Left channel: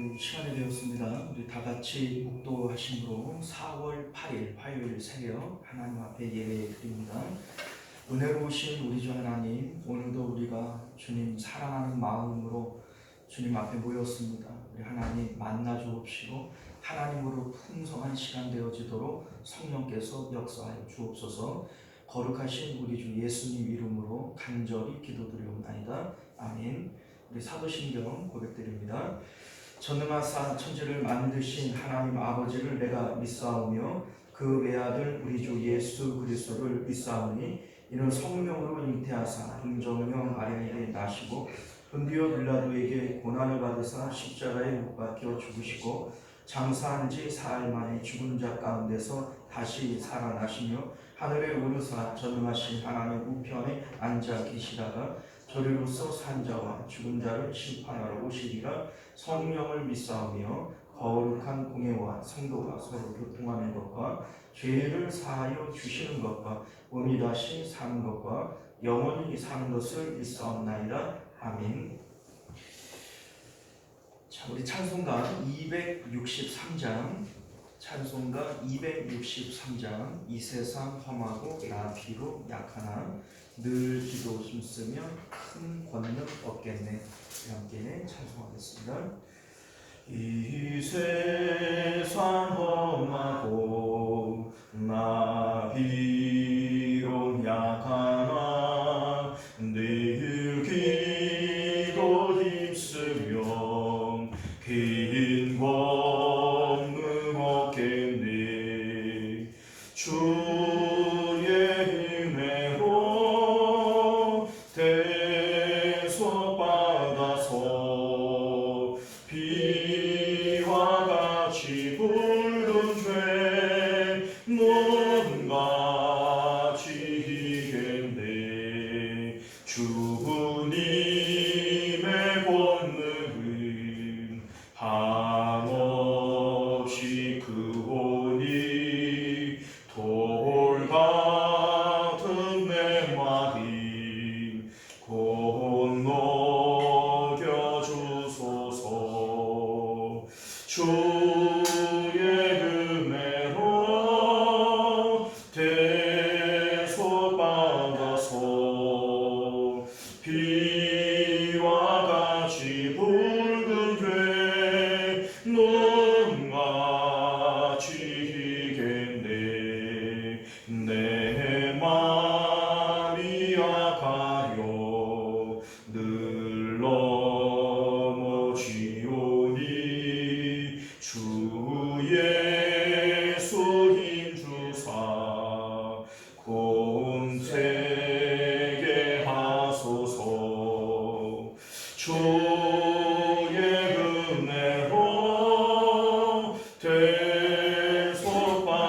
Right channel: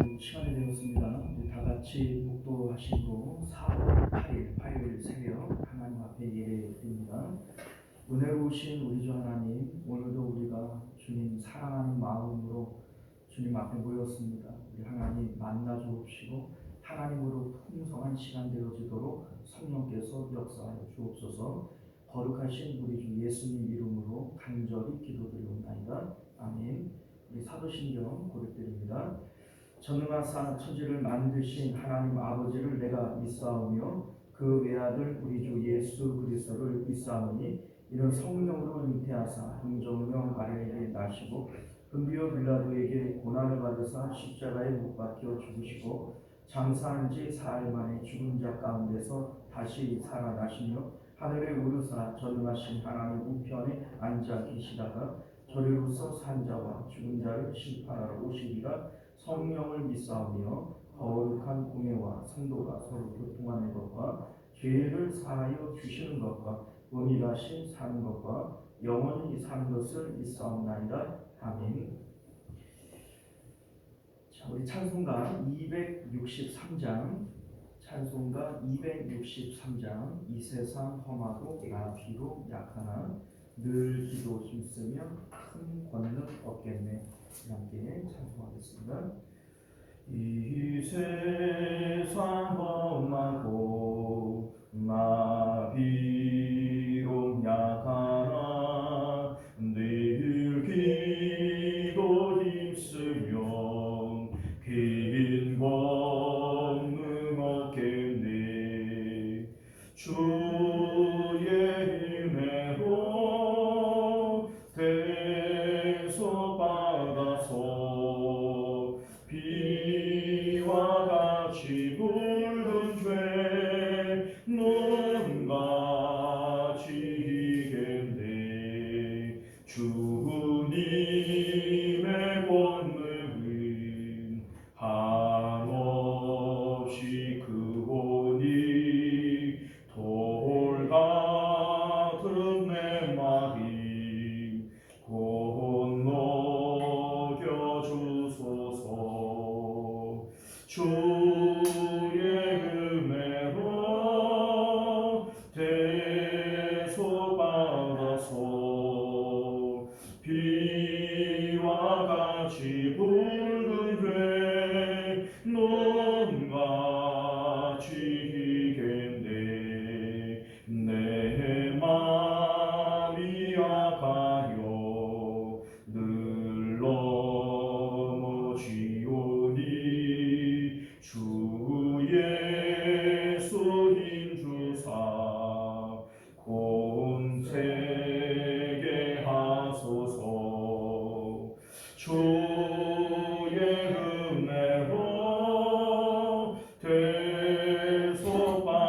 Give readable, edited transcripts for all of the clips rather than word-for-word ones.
시간이 되었습니다. 우리 다 같이 묵도하심으로 4월 8일 화요일 새벽 하나님 앞에 예배 드립니다. 은혜로우신 우리 주 하나님, 오늘도 우리가 주님 사랑하는 마음으로 주님 앞에 모였습니다. 우리 하나님 만나 주옵시고 하나님으로 풍성한 시간 되어지도록 성령께서 역사하여 주옵소서. 거룩하신 우리 주 예수님 이름으로 간절히 기도드리옵나이다. 아멘. 우리 사도신경 고백드립니다. 전능하사 천지를 만드신 하나님 아버지를 내가 믿사오며 그 외아들 우리 주 예수 그리스도를 믿사오니 이는 성령으로 잉태하사 동정녀 마리아에게 나시고 본디오 빌라도에게 고난을 받으사 십자가에 못 박혀 죽으시고 장사한 지 사흘 만에 죽은 자 가운데서 다시 살아나시며 하늘에 오르사 전능하신 하나님 우편에 앉아 계시다가 저리로서 산 자와 죽은 자를 심판하러 오시리라. 성령을 믿사오며 거룩한 공예와 성도가 서로 교통하는 것과 죄를 사하여 주시는 것과 몸이 다시 사는 것과 영원히 사는 것을 믿사옵나이다. 아멘. 자, 우리 찬송가 263장 찬송가 263장 이 세상 험하고 나 비록 약하나 늘 기도 힘쓰며 큰 권능 얻겠네. 함께 찬송하겠습니다. 이 세상 험하고 나 비록 약하나 늘 기도 힘쓰며 긴 권능 얻겠네. 주의 은혜로 대속받아서 비와 같이 붉은 죄 몸과 지겠네. 주님의 권능은 한없이 크오니 돌 같은 내 마음 건너겨 주소서. 주의 은혜로 대속받아서 비와 같이 붉은 죄 눈과 지겠네. 내 맘이 약하여 늘 넘어지오니 주 예수 힘주사 권세게 하소서. 주의 은혜로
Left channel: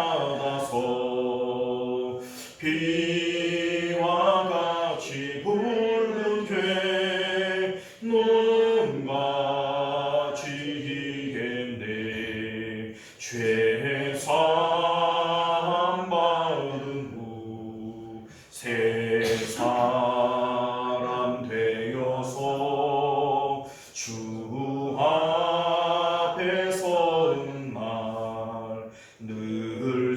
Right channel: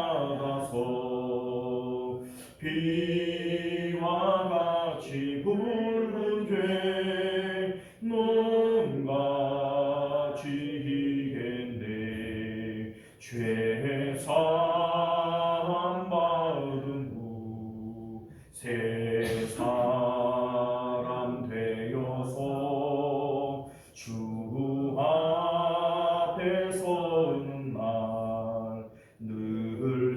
대속받아서 비와 같이 붉은 죄 눈과 지겠네. 죄 사함 받은 후 새 사람 되어서 주 앞에 서는 날 늘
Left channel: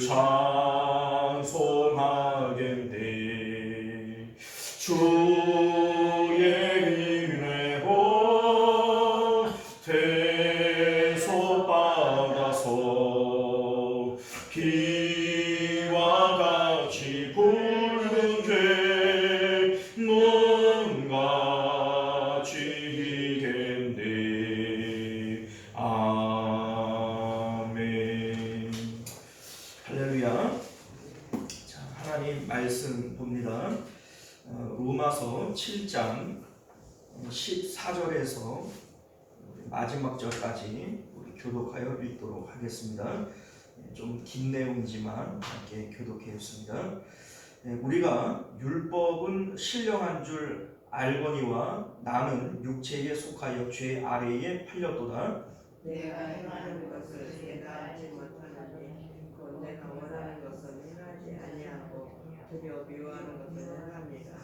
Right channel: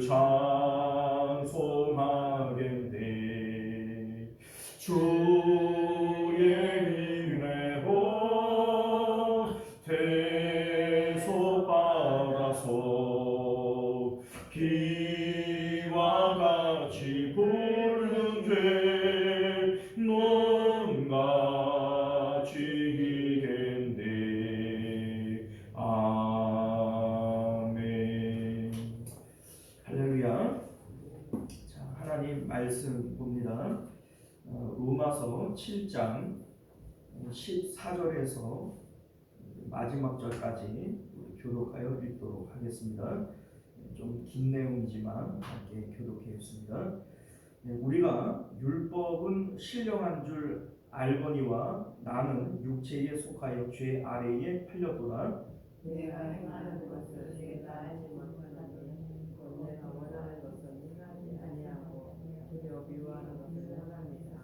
찬송하겠네. 주의 은혜로 대속받아서 비와 같이 붉은 죄 눈과 지겠네. 아멘. 할렐루야. 자, 하나님 말씀 봅니다. 로마서 7장 14절에서 마지막 절까지 우리 교독하여 읽도록 하겠습니다. 좀 긴 내용이지만 함께 교독하였습니다. 우리가 율법은 신령한 줄 알거니와 나는 육체에 속하여 죄 아래에 팔렸도다. 내가 행하는 것을 내가 알지 못하나니 곧 내가 원하는 것은 행하지 아니하고 도리어 미워하는 것을 행합니다.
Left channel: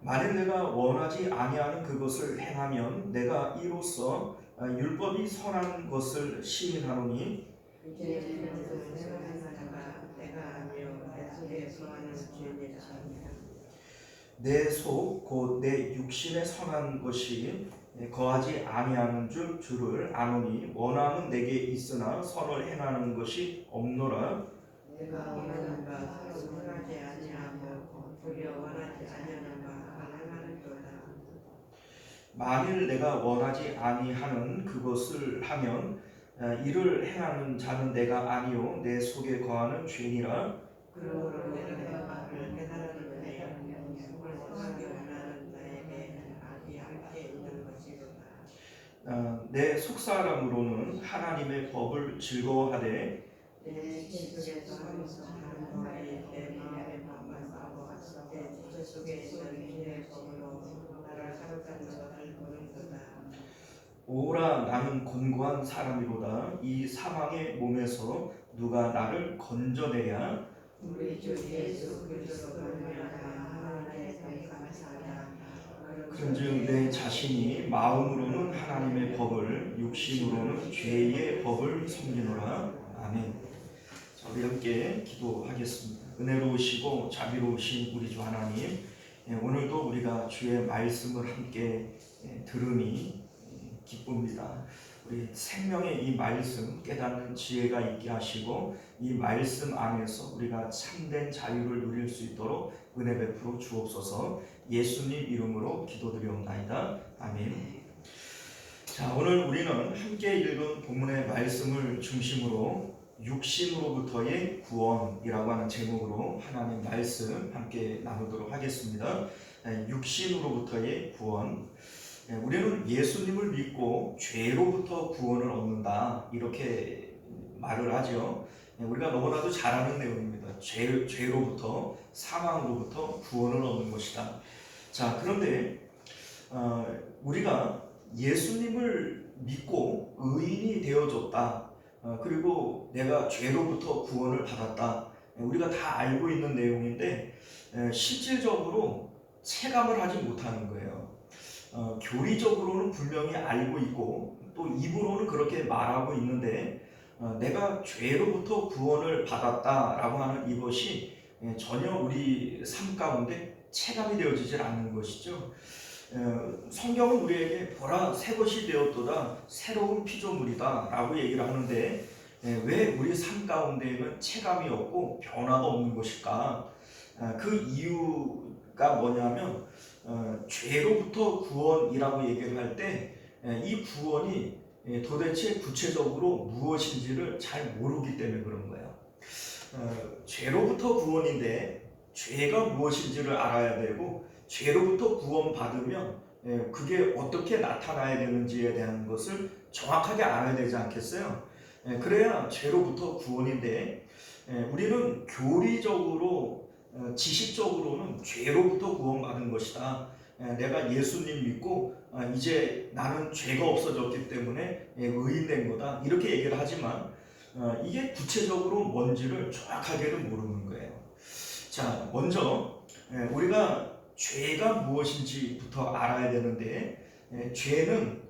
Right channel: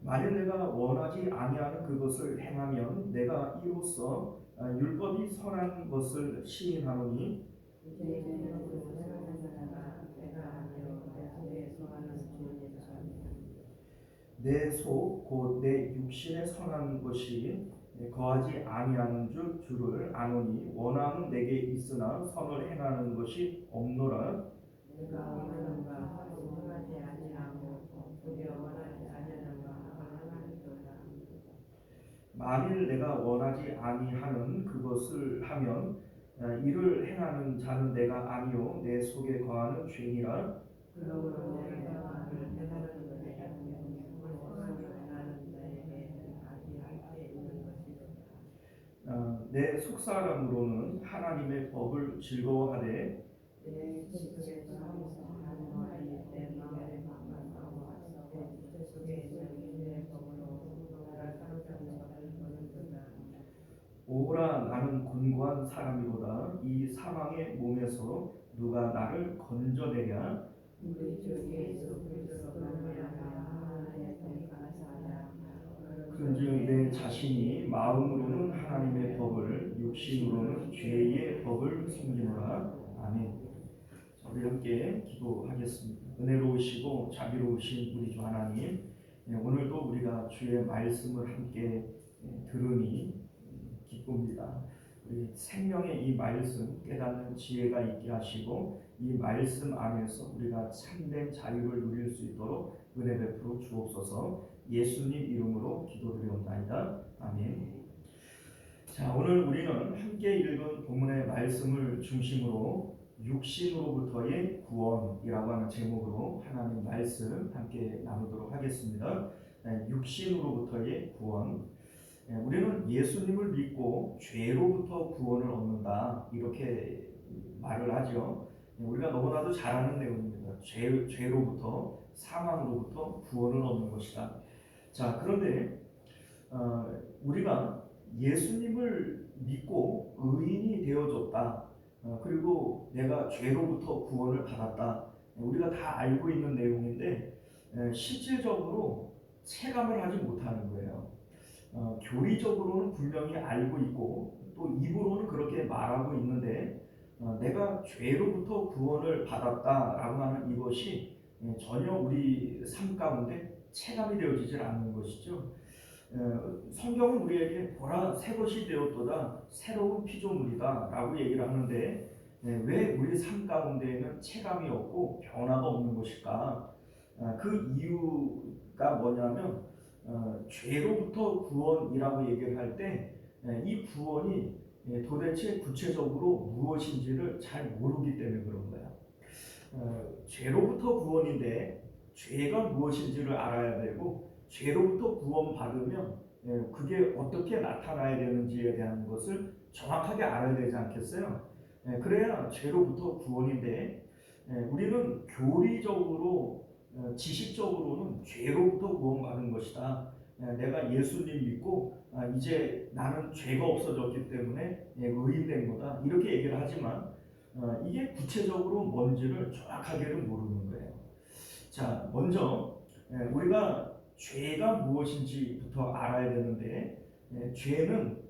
만일 내가 원하지 아니하는 그것을 행하면 내가 이로써 율법이 선한 것을 시인하노니 이제는 그것은 내가 하나가 내가 아니요 내 속에 거하는 죄니라. 내 속 곧 내 육신에 선한 것이 거하지 아니하는 줄을 아노니 원함은 내게 있으나 선을 행하는 것이 없노라. 내가 원하는 바 선을 행하지 아니하고 도리어 원하지 아니하는 바 행하는도다. 만일 내가 원하지 아니하는 그것을 하면 이를 행하는 자는 내가 아니요 내 속에 거하는 죄니라. 그러므로 내가 마음을 깨달았는데 속을 원하기 원하는 자에게 악이 함께 있는 것이로다. 내 속사람으로는 하나님의 법을 즐거워하되 내 지식에서 하면서 하는 말이 내 마음에 반발하고 내 지체 속에 있는 주의 법으로 나를 사로잡는 것을 보는도다. 오라 나는 곤고한 사람이로다. 이 사망의 몸에서 누가 나를 건져내랴. 우리 주 예수 그리스도 말미암아 하나님께 감사하라. 그런즉 내 자신이 마음으로는 하나님의 법을 육신으로는 죄의 법을 섬기노라. 아멘. 자, 우리 함께 기도하겠습니다. 은혜로우시고 자비로우신 우리 주 하나님, 오늘도 우리가 주의 말씀을 함께 들으니 기쁩니다. 우리 생명의 이 말씀 깨닫는 지혜가 있게 하시고 이 말씀 안에서 우리가 참된 자유를 누릴 수 있도록 은혜 베풀어 주옵소서. 예수님 이름으로 기도드리옵나이다. 아멘. 자, 오늘 우리는 함께 읽은 본문의 말씀을 중심으로 육신으로부터의 구원이라고 하는 제목으로 하나님 말씀 함께 나누도록 하겠습니다. 육신으로부터의 구원. 우리는 예수님을 믿고 죄로부터 구원을 얻는다 이렇게 말을 하죠. 우리가 너무나도 잘 아는 내용입니다. 죄로부터 사망으로부터 구원을 얻는 것이다. 자, 그런데 우리가 예수님을 믿고 의인이 되어졌다. 그리고 내가 죄로부터 구원을 받았다. 우리가 다 알고 있는 내용인데 실질적으로 체감을 하지 못하는 거예요. 교리적으로는 분명히 알고 있고 또 입으로는 그렇게 말하고 있는데 내가 죄로부터 구원을 받았다라고 하는 이것이 전혀 우리 삶 가운데 체감이 되어지질 않는 것이죠. 성경은 우리에게 보라 새 것이 되었도다 새로운 피조물이다 라고 얘기를 하는데 왜 우리 삶 가운데에는 체감이 없고 변화가 없는 것일까? 그 이유가 뭐냐면 죄로부터 구원이라고 얘기를 할 때 이 구원이 도대체 구체적으로 무엇인지를 잘 모르기 때문에 그런 거예요. 죄로부터 구원인데 죄가 무엇인지를 알아야 되고 죄로부터 구원받으면 그게 어떻게 나타나야 되는지에 대한 것을 정확하게 알아야 되지 않겠어요? 그래야 죄로부터 구원인데 우리는 교리적으로 지식적으로는 죄로부터 구원받은 것이다. 내가 예수님 믿고 이제 나는 죄가 없어졌기 때문에 의인된 거다 이렇게 얘기를 하지만 이게 구체적으로 뭔지를 정확하게는 모르는 거예요. 자, 먼저 우리가 죄가 무엇인지부터 알아야 되는데 죄는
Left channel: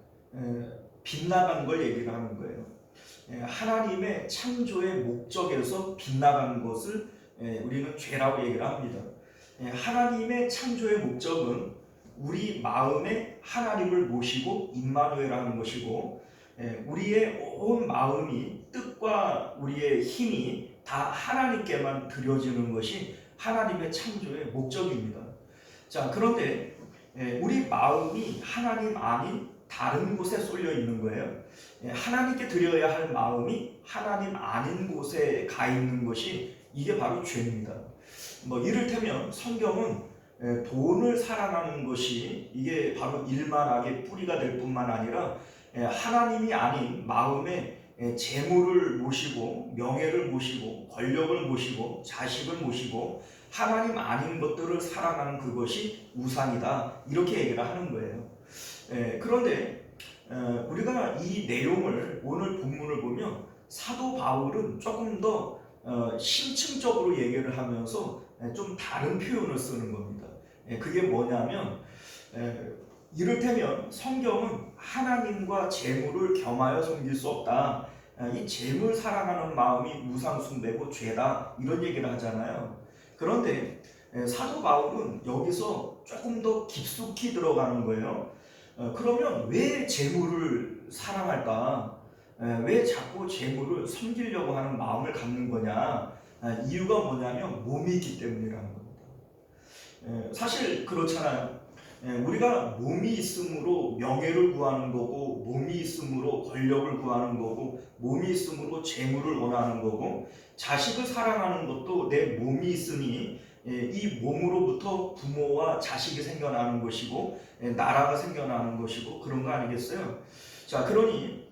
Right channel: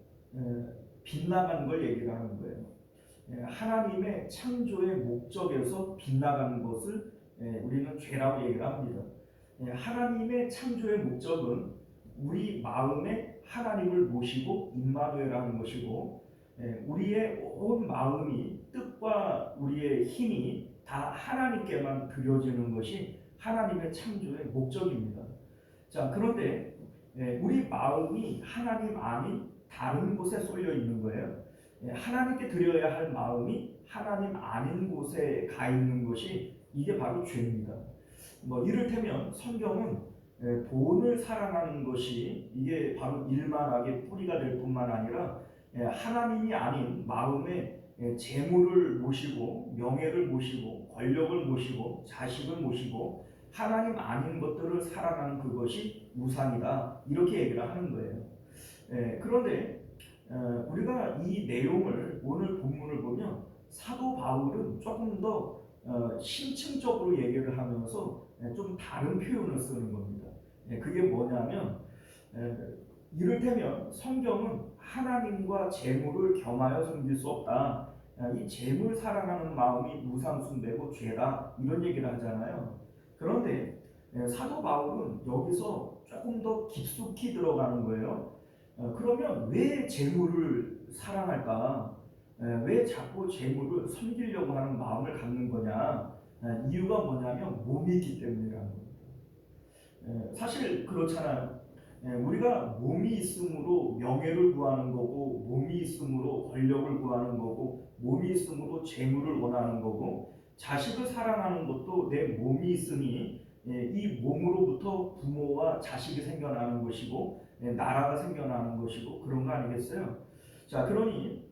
빗나간 걸 얘기를 하는 거예요. 하나님의 창조의 목적에서 빗나간 것을 우리는 죄라고 얘기를 합니다. 하나님의 창조의 목적은 우리 마음에 하나님을 모시고 임마누엘하는 것이고 우리의 온 마음이 뜻과 우리의 힘이 다 하나님께만 드려지는 것이 하나님의 창조의 목적입니다. 자, 그런데 우리 마음이 하나님 아닌 다른 곳에 쏠려 있는 거예요. 하나님께 드려야 할 마음이 하나님 아닌 곳에 가 있는 것이 이게 바로 죄입니다. 이를테면 성경은 돈을 사랑하는 것이 이게 바로 일만하게 뿌리가 될 뿐만 아니라 하나님이 아닌 마음에 재물을 모시고 명예를 모시고 권력을 모시고 자식을 모시고 하나님 아닌 것들을 사랑하는 그것이 우상이다 이렇게 얘기를 하는 거예요. 그런데 우리가 이 내용을 오늘 본문을 보면 사도 바울은 조금 더 심층적으로 얘기를 하면서 좀 다른 표현을 쓰는 겁니다. 그게 뭐냐면 이를테면 성경은 하나님과 재물을 겸하여 섬길 수 없다. 이 재물 사랑하는 마음이 우상 숭배고 죄다 이런 얘기를 하잖아요. 그런데 사도 바울은 여기서 조금 더 깊숙이 들어가는 거예요. 그러면 왜 재물을 사랑할까? 왜 자꾸 재물을 섬기려고 하는 마음을 갖는 거냐? 이유가 뭐냐면 몸이 있기 때문이라는 겁니다. 사실 그렇잖아요. 우리가 몸이 있으므로 명예를 구하는 거고, 몸이 있으므로 권력을 구하는 거고, 몸이 있으므로 재물을 원하는 거고, 자식을 사랑하는 것도 내 몸이 있으니 이 몸으로부터 부모와 자식이 생겨나는 것이고, 나라가 생겨나는 것이고 그런 거 아니겠어요? 자, 그러니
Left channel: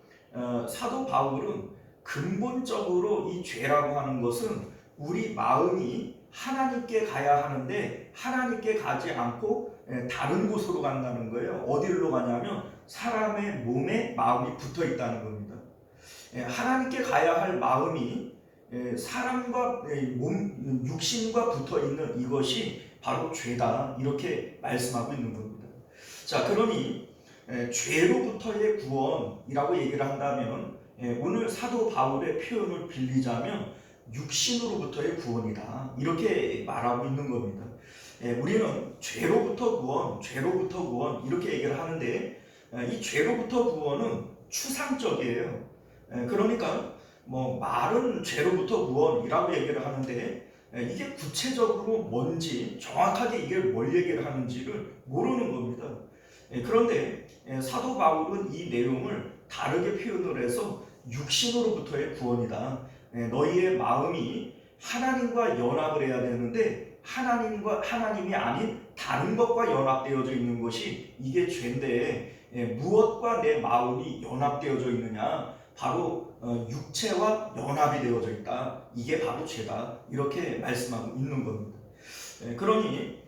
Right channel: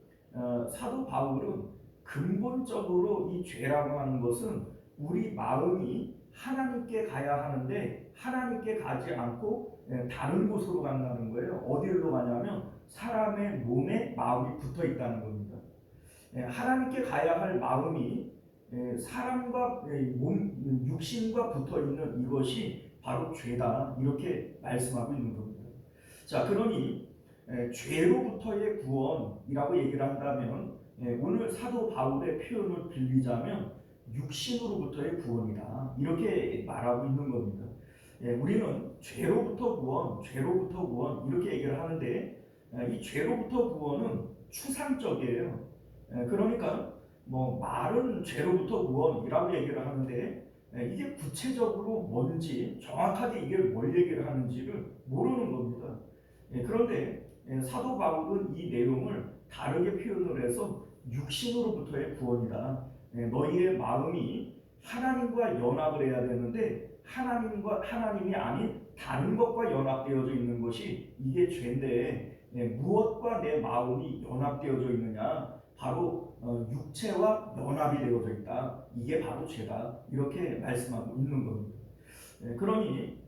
사도 바울은 근본적으로 이 죄라고 하는 것은 우리 마음이 하나님께 가야 하는데 하나님께 가지 않고 다른 곳으로 간다는 거예요. 어디로 가냐면 사람의 몸에 마음이 붙어 있다는 겁니다. 하나님께 가야 할 마음이 사람과 몸, 육신과 붙어 있는 이것이 바로 죄다. 이렇게 말씀하고 있는 겁니다. 자, 그러니 죄로부터의 구원이라고 얘기를 한다면 오늘 사도 바울의 표현을 빌리자면 육신으로부터의 구원이다. 이렇게 말하고 있는 겁니다. 우리는 죄로부터 구원 이렇게 얘기를 하는데 이 죄로부터 구원은 추상적이에요. 그러니까 뭐 말은 죄로부터 구원이라고 얘기를 하는데 이게 구체적으로 뭔지 정확하게 이게 뭘 얘기를 하는지를 모르는 겁니다. 그런데 사도 바울은 이 내용을 다르게 표현을 해서 육신으로부터의 구원이다. 너희의 마음이 하나님과 연합을 해야 되는데 하나님이 아닌 다른 것과 연합되어져 있는 것이 이게 죄인데 무엇과 내 마음이 연합되어져 있느냐? 바로 육체와 연합이 되어져 있다. 이게 바로 죄다. 이렇게 말씀하고 있는 겁니다. 그러니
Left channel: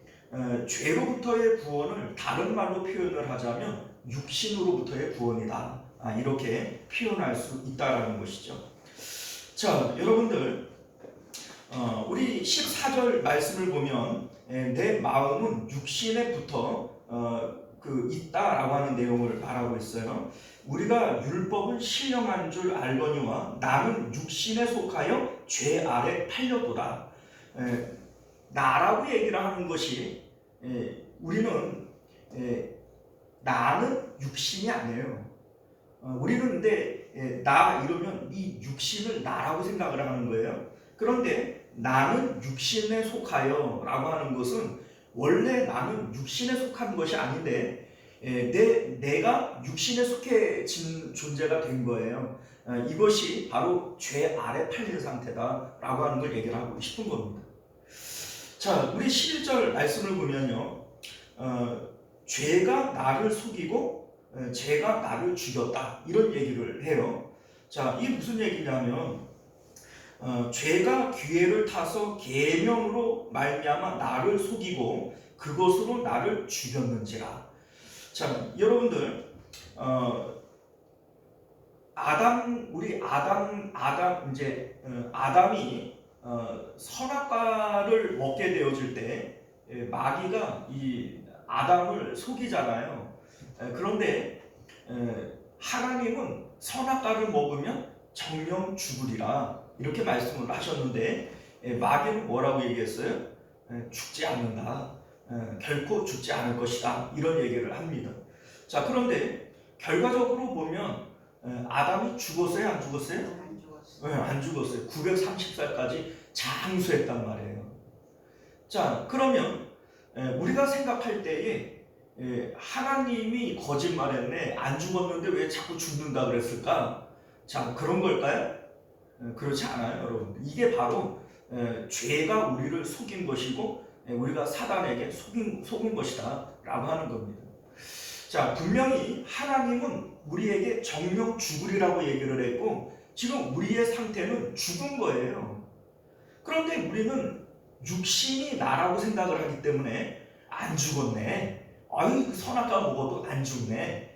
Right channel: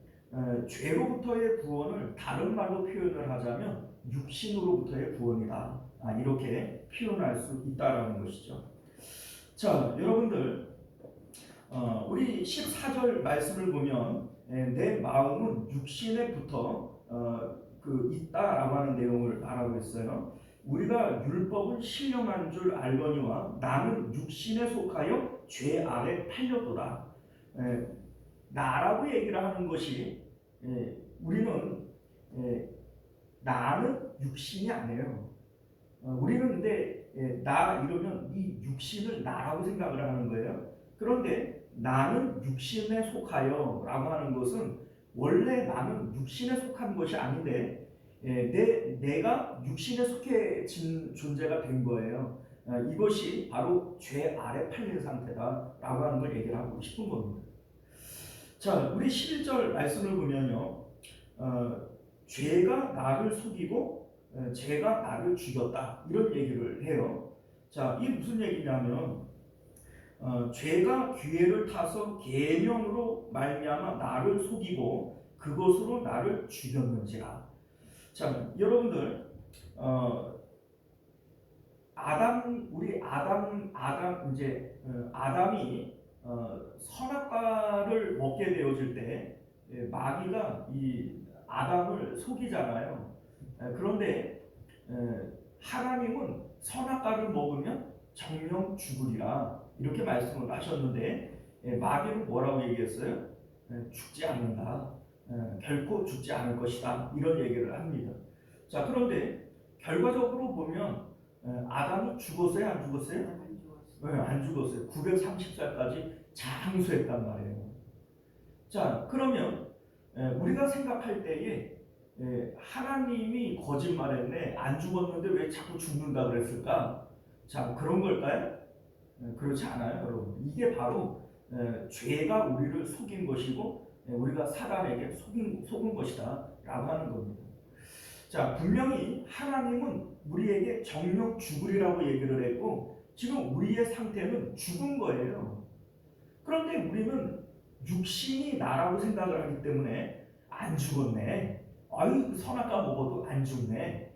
죄로부터의 구원을 다른 말로 표현을 하자면 육신으로부터의 구원이다. 이렇게 표현할 수 있다라는 것이죠. 자, 여러분들 우리 14절 말씀을 보면 내 마음은 육신에 붙어 있다라고 하는 내용을 말하고 있어요. 우리가 율법은 신령한 줄 알거니와 나는 육신에 속하여 죄 아래 팔려도다. 나라고 얘기를 하는 것이 우리는 나는 육신이 아니에요. 우리는 근데 나 이러면 이 육신을 나라고 생각을 하는 거예요. 그런데 나는 육신에 속하여 라고 하는 것은 원래 나는 육신에 속한 것이 아닌데 내가 육신에 속해진 존재가 된 거예요. 이것이 바로 죄 아래 팔린 상태다라고 하는 걸 얘기를 하고 싶은 겁니다. 자, 우리 11절 말씀을 보면요, 죄가 나를 속이고 죄가 나를 죽였다 이런 얘기를 해요. 자, 이게 무슨 얘기냐면 죄가 기회를 타서 계명으로 말미암아 나를 속이고 그것으로 나를 죽였는지라. 자, 여러분들 아담이 선악과를 먹게 되어질 때 마귀가 이 아담을 속이잖아요. 그런데 하나님은 선악과를 먹으면 정령 죽으리라 이렇게 말씀을 하셨는데 마귀는 뭐라고 얘기했어요? 죽지 않는다. 결코 죽지 않을 것이다. 이런 얘기를 합니다. 자, 그런데 결과적으로 보면 아담이 죽었어요? 안 죽었어요? 안 죽었어요. 안 죽었어요. 930살까지 장수했단 말이에요. 자, 그러면 우리가 생각할 때에 하나님이 거짓말했네. 안 죽었는데 왜 자꾸 죽는다 그랬을까? 자, 그런 걸까요? 그렇지 않아요, 여러분. 이게 바로 죄가 우리를 속인 것이고 우리가 사단에게 속은 것이다 라고 하는 겁니다. 자, 분명히 하나님은 우리에게 정령 죽으리라고 얘기를 했고 지금 우리의 상태는 죽은 거예요. 그런데 우리는 육신이 나라고 생각을 하기 때문에 안 죽었네. 아유, 선악과 먹어도 안 죽네.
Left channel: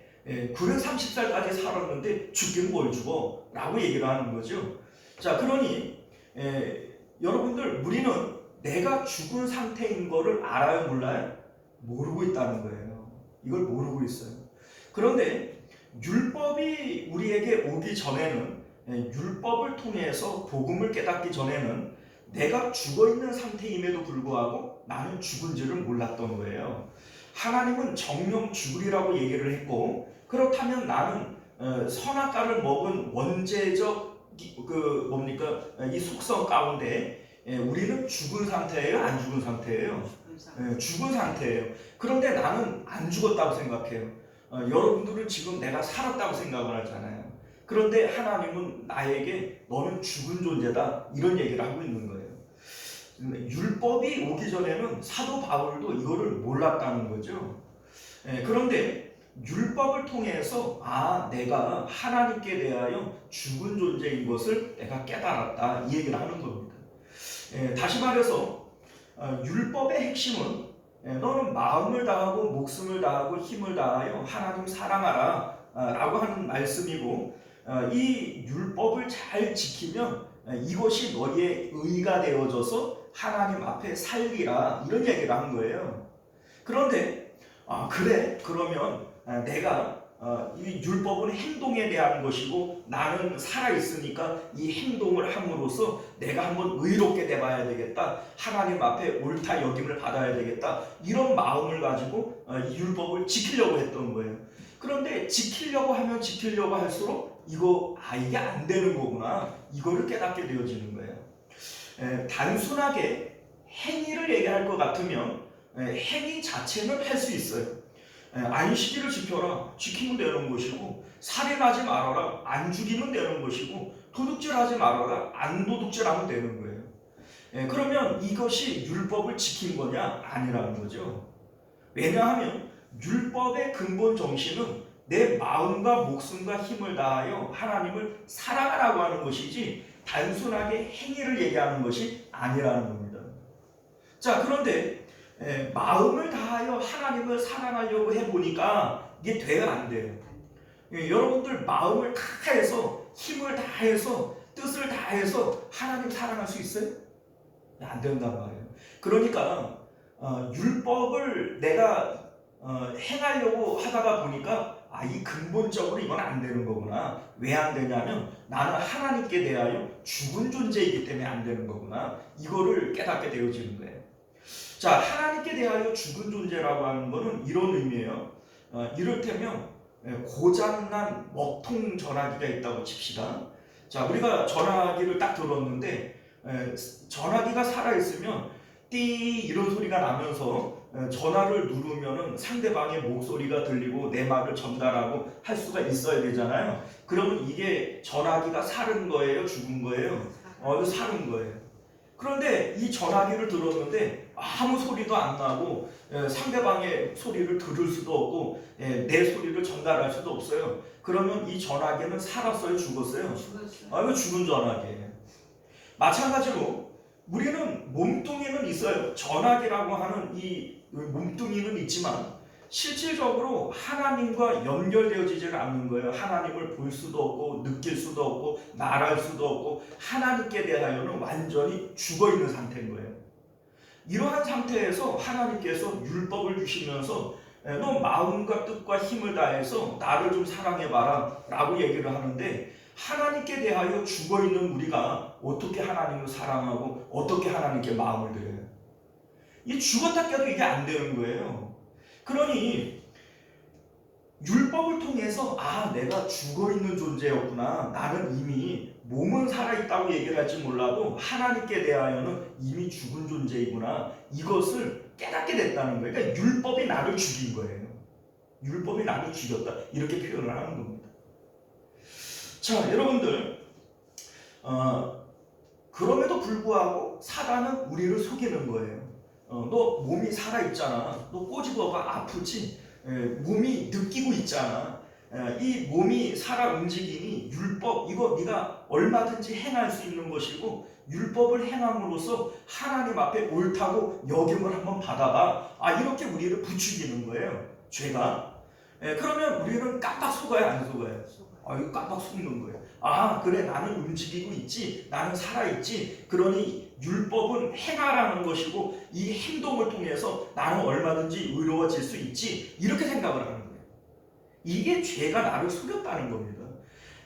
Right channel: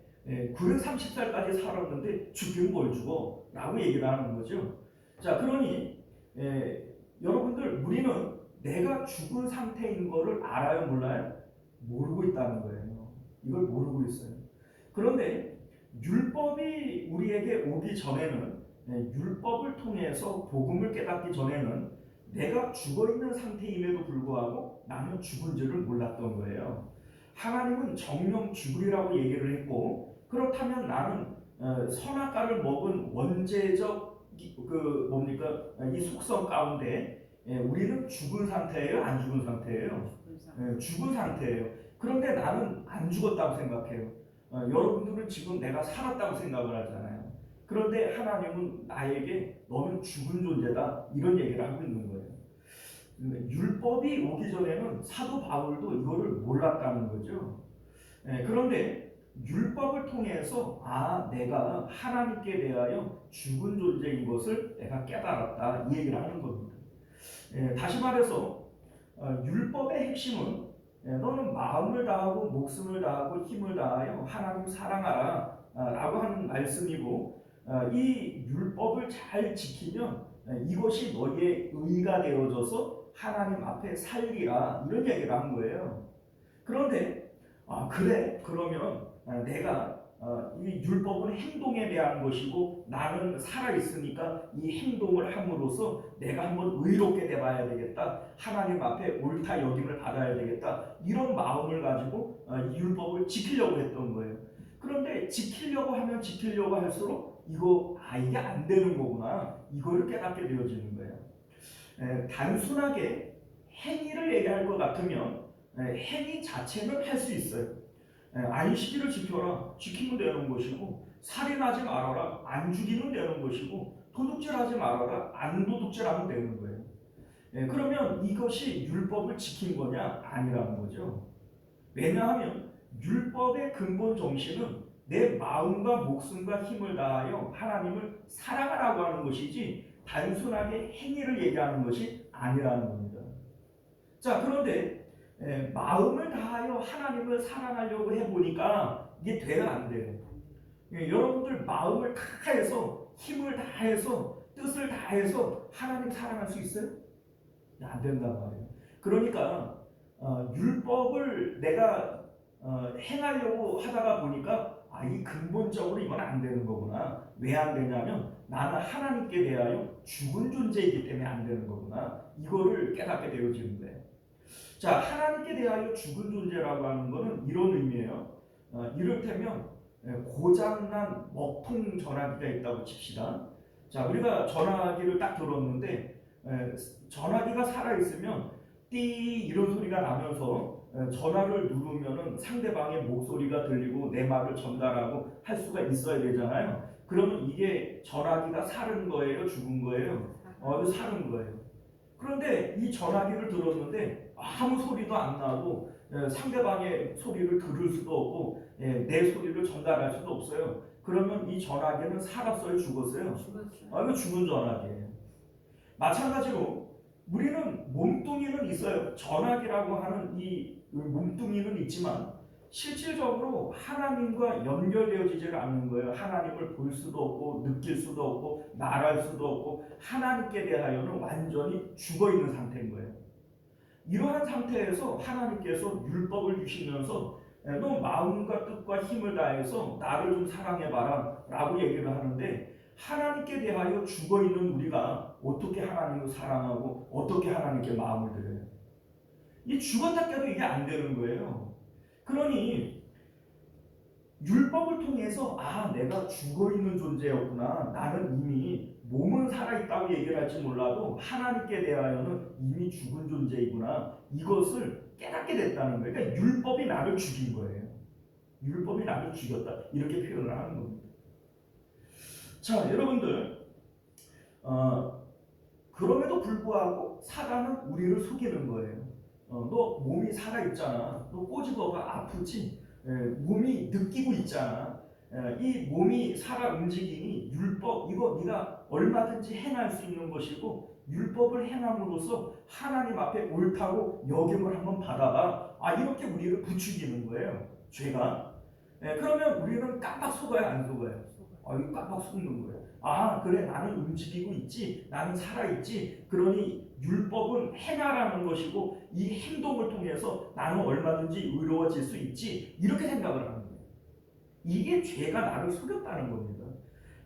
930살까지 살았는데 죽긴 뭘 죽어? 라고 얘기를 하는 거죠. 자, 그러니 여러분들 우리는 내가 죽은 상태인 거를 알아요, 몰라요? 모르고 있다는 거예요. 이걸 모르고 있어요. 그런데 율법이 우리에게 오기 전에는, 율법을 통해서 복음을 깨닫기 전에는 내가 죽어있는 상태임에도 불구하고 나는 죽은 줄을 몰랐던 거예요. 하나님은 정령 죽으리라고 얘기를 했고, 그렇다면 나는 선악과를 먹은 원죄적 이 속성 가운데 우리는 죽은 상태예요, 안 죽은 상태예요? 죽은 상태예요. 그런데 나는 안 죽었다고 생각해요. 여러분들은 지금 내가 살았다고 생각을 하잖아요. 그런데 하나님은 나에게 너는 죽은 존재다, 이런 얘기를 하고 있는 거예요. 율법이 오기 전에는 사도 바울도 이거를 몰랐다는 거죠. 그런데 율법을 통해서 내가 하나님께 대하여 죽은 존재인 것을 내가 깨달았다, 이 얘기를 하는 겁니다. 다시 말해서 율법의 핵심은 너는 마음을 다하고 목숨을 다하고 힘을 다하여 하나님 사랑하라 라고 하는 말씀이고, 이 율법을 잘 지키면 이것이 너희의 의가 되어져서 하나님 앞에 살리라, 이런 얘기를 한 거예요. 그런데 그래, 그러면 내가 이 율법은 행동에 대한 것이고 나는 살아있으니까 이 행동을 함으로써 내가 한번 의롭게 돼봐야 되겠다, 하나님 앞에 옳다 여김을 받아야 되겠다, 이런 마음을 가지고 이 율법을 지키려고 했던 거예요. 그런데 지키려고 하면 지키려고 할수록 이게 안 되는 거구나, 이거를 깨닫게 되어지는 거예요. 단순하게 행위를 얘기할 것 같으면 행위 자체는 할 수 있어요. 안식일을 지켜라, 지키면 되는 것이고, 살인하지 말아라, 안 죽이면 되는 것이고, 도둑질하지 말아라, 안 도둑질하면 되는 거예요. 그러면 이것이 율법을 지킨 거냐? 아니라는 거죠. 왜냐하면 율법의 근본 정신은 내 마음과 목숨과 힘을 다하여 하나님을 사랑하라고 하는 것이지 단순하게 행위를 얘기하는 것이 아니라는 겁니다. 자, 그런데 마음을 다하여 하나님을 사랑하려고 해보니까 이게 돼요, 안 돼요? 여러분들 마음을 다해서, 힘을 다해서, 뜻을 다해서 하나님 사랑할 수 있어요? 안 된단 말이에요. 그러니까 율법을 내가 행하려고 하다가 보니까 이 근본적으로 이건 안 되는 거구나. 왜 안 되냐면 나는 하나님께 대하여 죽은 존재이기 때문에 안 되는 거구나, 이거를 깨닫게 되어지는 거예요. 자, 하나님께 대하여 죽은 존재라고 하는 것은 이런 의미예요. 이를테면 고장난 먹통 전화기가 있다고 칩시다. 자, 우리가 전화기를 딱 들었는데 전화기가 살아있으면 띠 이런 소리가 나면서 전화를 누르면은 상대방의 목소리가 들리고 내 말을 전달하고 할 수가 있어야 되잖아요. 그러면 이게 전화기가 살은 거예요, 죽은 거예요? 살은 거예요. 그런데 이 전화기를 들었는데 아무 소리도 안 나고 상대방의 소리를 들을 수도 없고 내 소리를 전달할 수도 없어요. 그러면 이 전화기는 살았어요, 죽었어요? 이거 죽은 전화기예요. 마찬가지로 우리는 몸뚱이는 있어요. 전화기라고 하는 이 몸뚱이는 있지만 실질적으로 하나님과 연결되어지질 않는 거예요. 하나님을 볼 수도 없고 느낄 수도 없고 말할 수도 없고 하나님께 대하여는 완전히 죽어있는 상태인 거예요. 이러한 상태에서 하나님께서 율법을 주시면서 너 마음과 뜻과 힘을 다해서 나를 좀 사랑해봐라 라고 얘기를 하는데, 하나님께 대하여 죽어있는 우리가 어떻게 하나님을 사랑하고 어떻게 하나님께 마음을 드려요? 이 죽었다 깨도 이게 안 되는 거예요. 그러니 율법을 통해서 내가 죽어있는 존재였구나, 나는 이미 몸은 살아있다고 얘기를 할지 몰라도 하나님께 대하여는 이미 죽은 존재이구나, 이것을 깨닫게 됐다는 거예요. 그러니까 율법이 나를 죽인 거예요. 율법이 나를 죽였다, 이렇게 표현을 하는 겁니다. 자, 여러분들 그럼에도 불구하고 사단은 우리를 속이는 거예요. 너 몸이 살아있잖아, 너 꼬집어봐, 아프지? 몸이 느끼고 있잖아. 이 몸이 살아 움직이니 율법, 이거 네가 얼마든지 행할 수 있는 것이고 율법을 행함으로써 하나님 앞에 옳다고 여김을 한번 받아봐. 이렇게 우리를 부추기는 거예요, 죄가. 그러면 우리는 깜빡 속아요, 안 속아요? 이거 깜빡 속는 거예요. 아, 그래, 나는 움직이고 있지, 나는 살아있지. 그러니 율법은 행하라는 것이고 이 행동을 통해서 나는 얼마든지 의로워질 수 있지, 이렇게 생각을 하는 거예요. 이게 죄가 나를 속였다는 겁니다.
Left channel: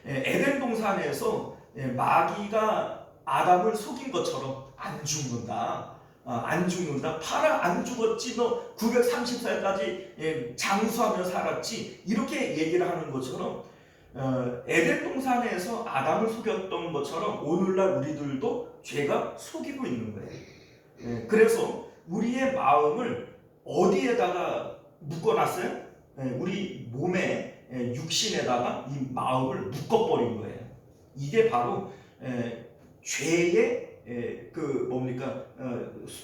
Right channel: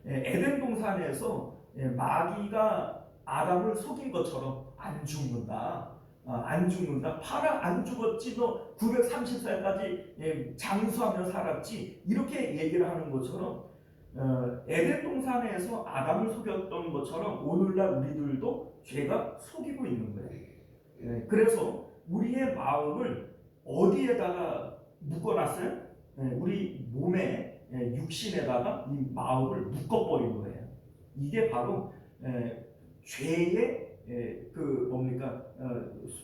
에덴 동산에서 마귀가 아담을 속인 것처럼 안 죽는다. 안 죽는다. 팔아 안 죽었지. 너 930살까지 장수하며 살았지. 이렇게 얘기를 하는 것처럼 에덴 동산에서 아담을 속였던 것처럼 오늘날 우리들도 죄가 속이고 있는 거예요. 그래서 우리의 마음을 어디에다가 묶어놨어요? 우리 몸에 육신에다가 이 마음을 묶어버린 거예요. 이게 바로 죄의 그 뭡니까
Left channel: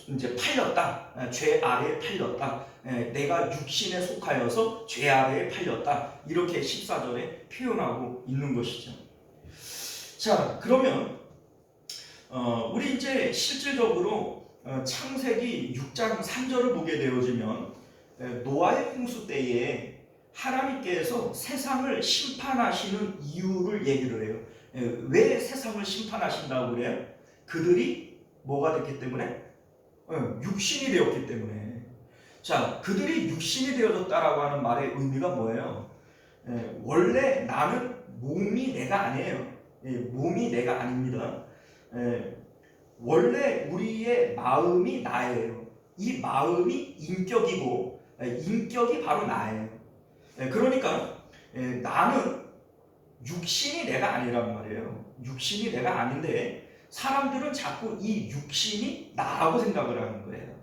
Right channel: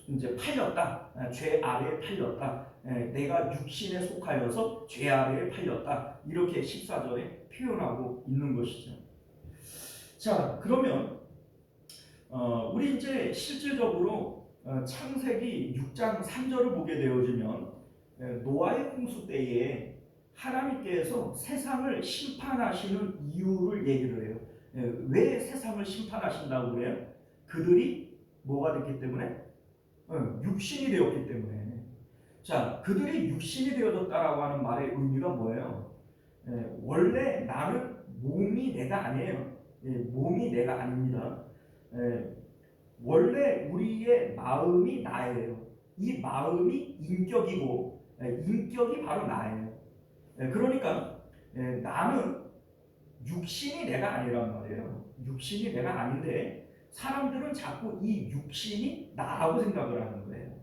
이제 팔렸다. 죄 아래에 팔렸다. 내가 육신에 속하여서 죄 아래에 팔렸다. 이렇게 14절에 표현하고 있는 것이죠. 자, 그러면 우리 이제 실질적으로 창세기 6장 3절을 보게 되어지면 노아의 홍수 때에 하나님께서 세상을 심판하시는 이유를 얘기를 해요. 왜 세상을 심판하신다고 그래요? 그들이 뭐가 됐기 때문에? 육신이 되었기 때문에. 자, 그들이 육신이 되어졌다라고 하는 말의 의미가 뭐예요? 원래 나는 몸이 내가 아니에요. 몸이 내가 아닙니다. 원래 우리의 마음이 나예요. 이 마음이 인격이고 인격이 바로 나예요. 그러니까 나는 육신이 내가 아니란 말이에요. 육신이 내가 아닌데 사람들은 자꾸 이 육신이 나라고 생각을 하는 거예요.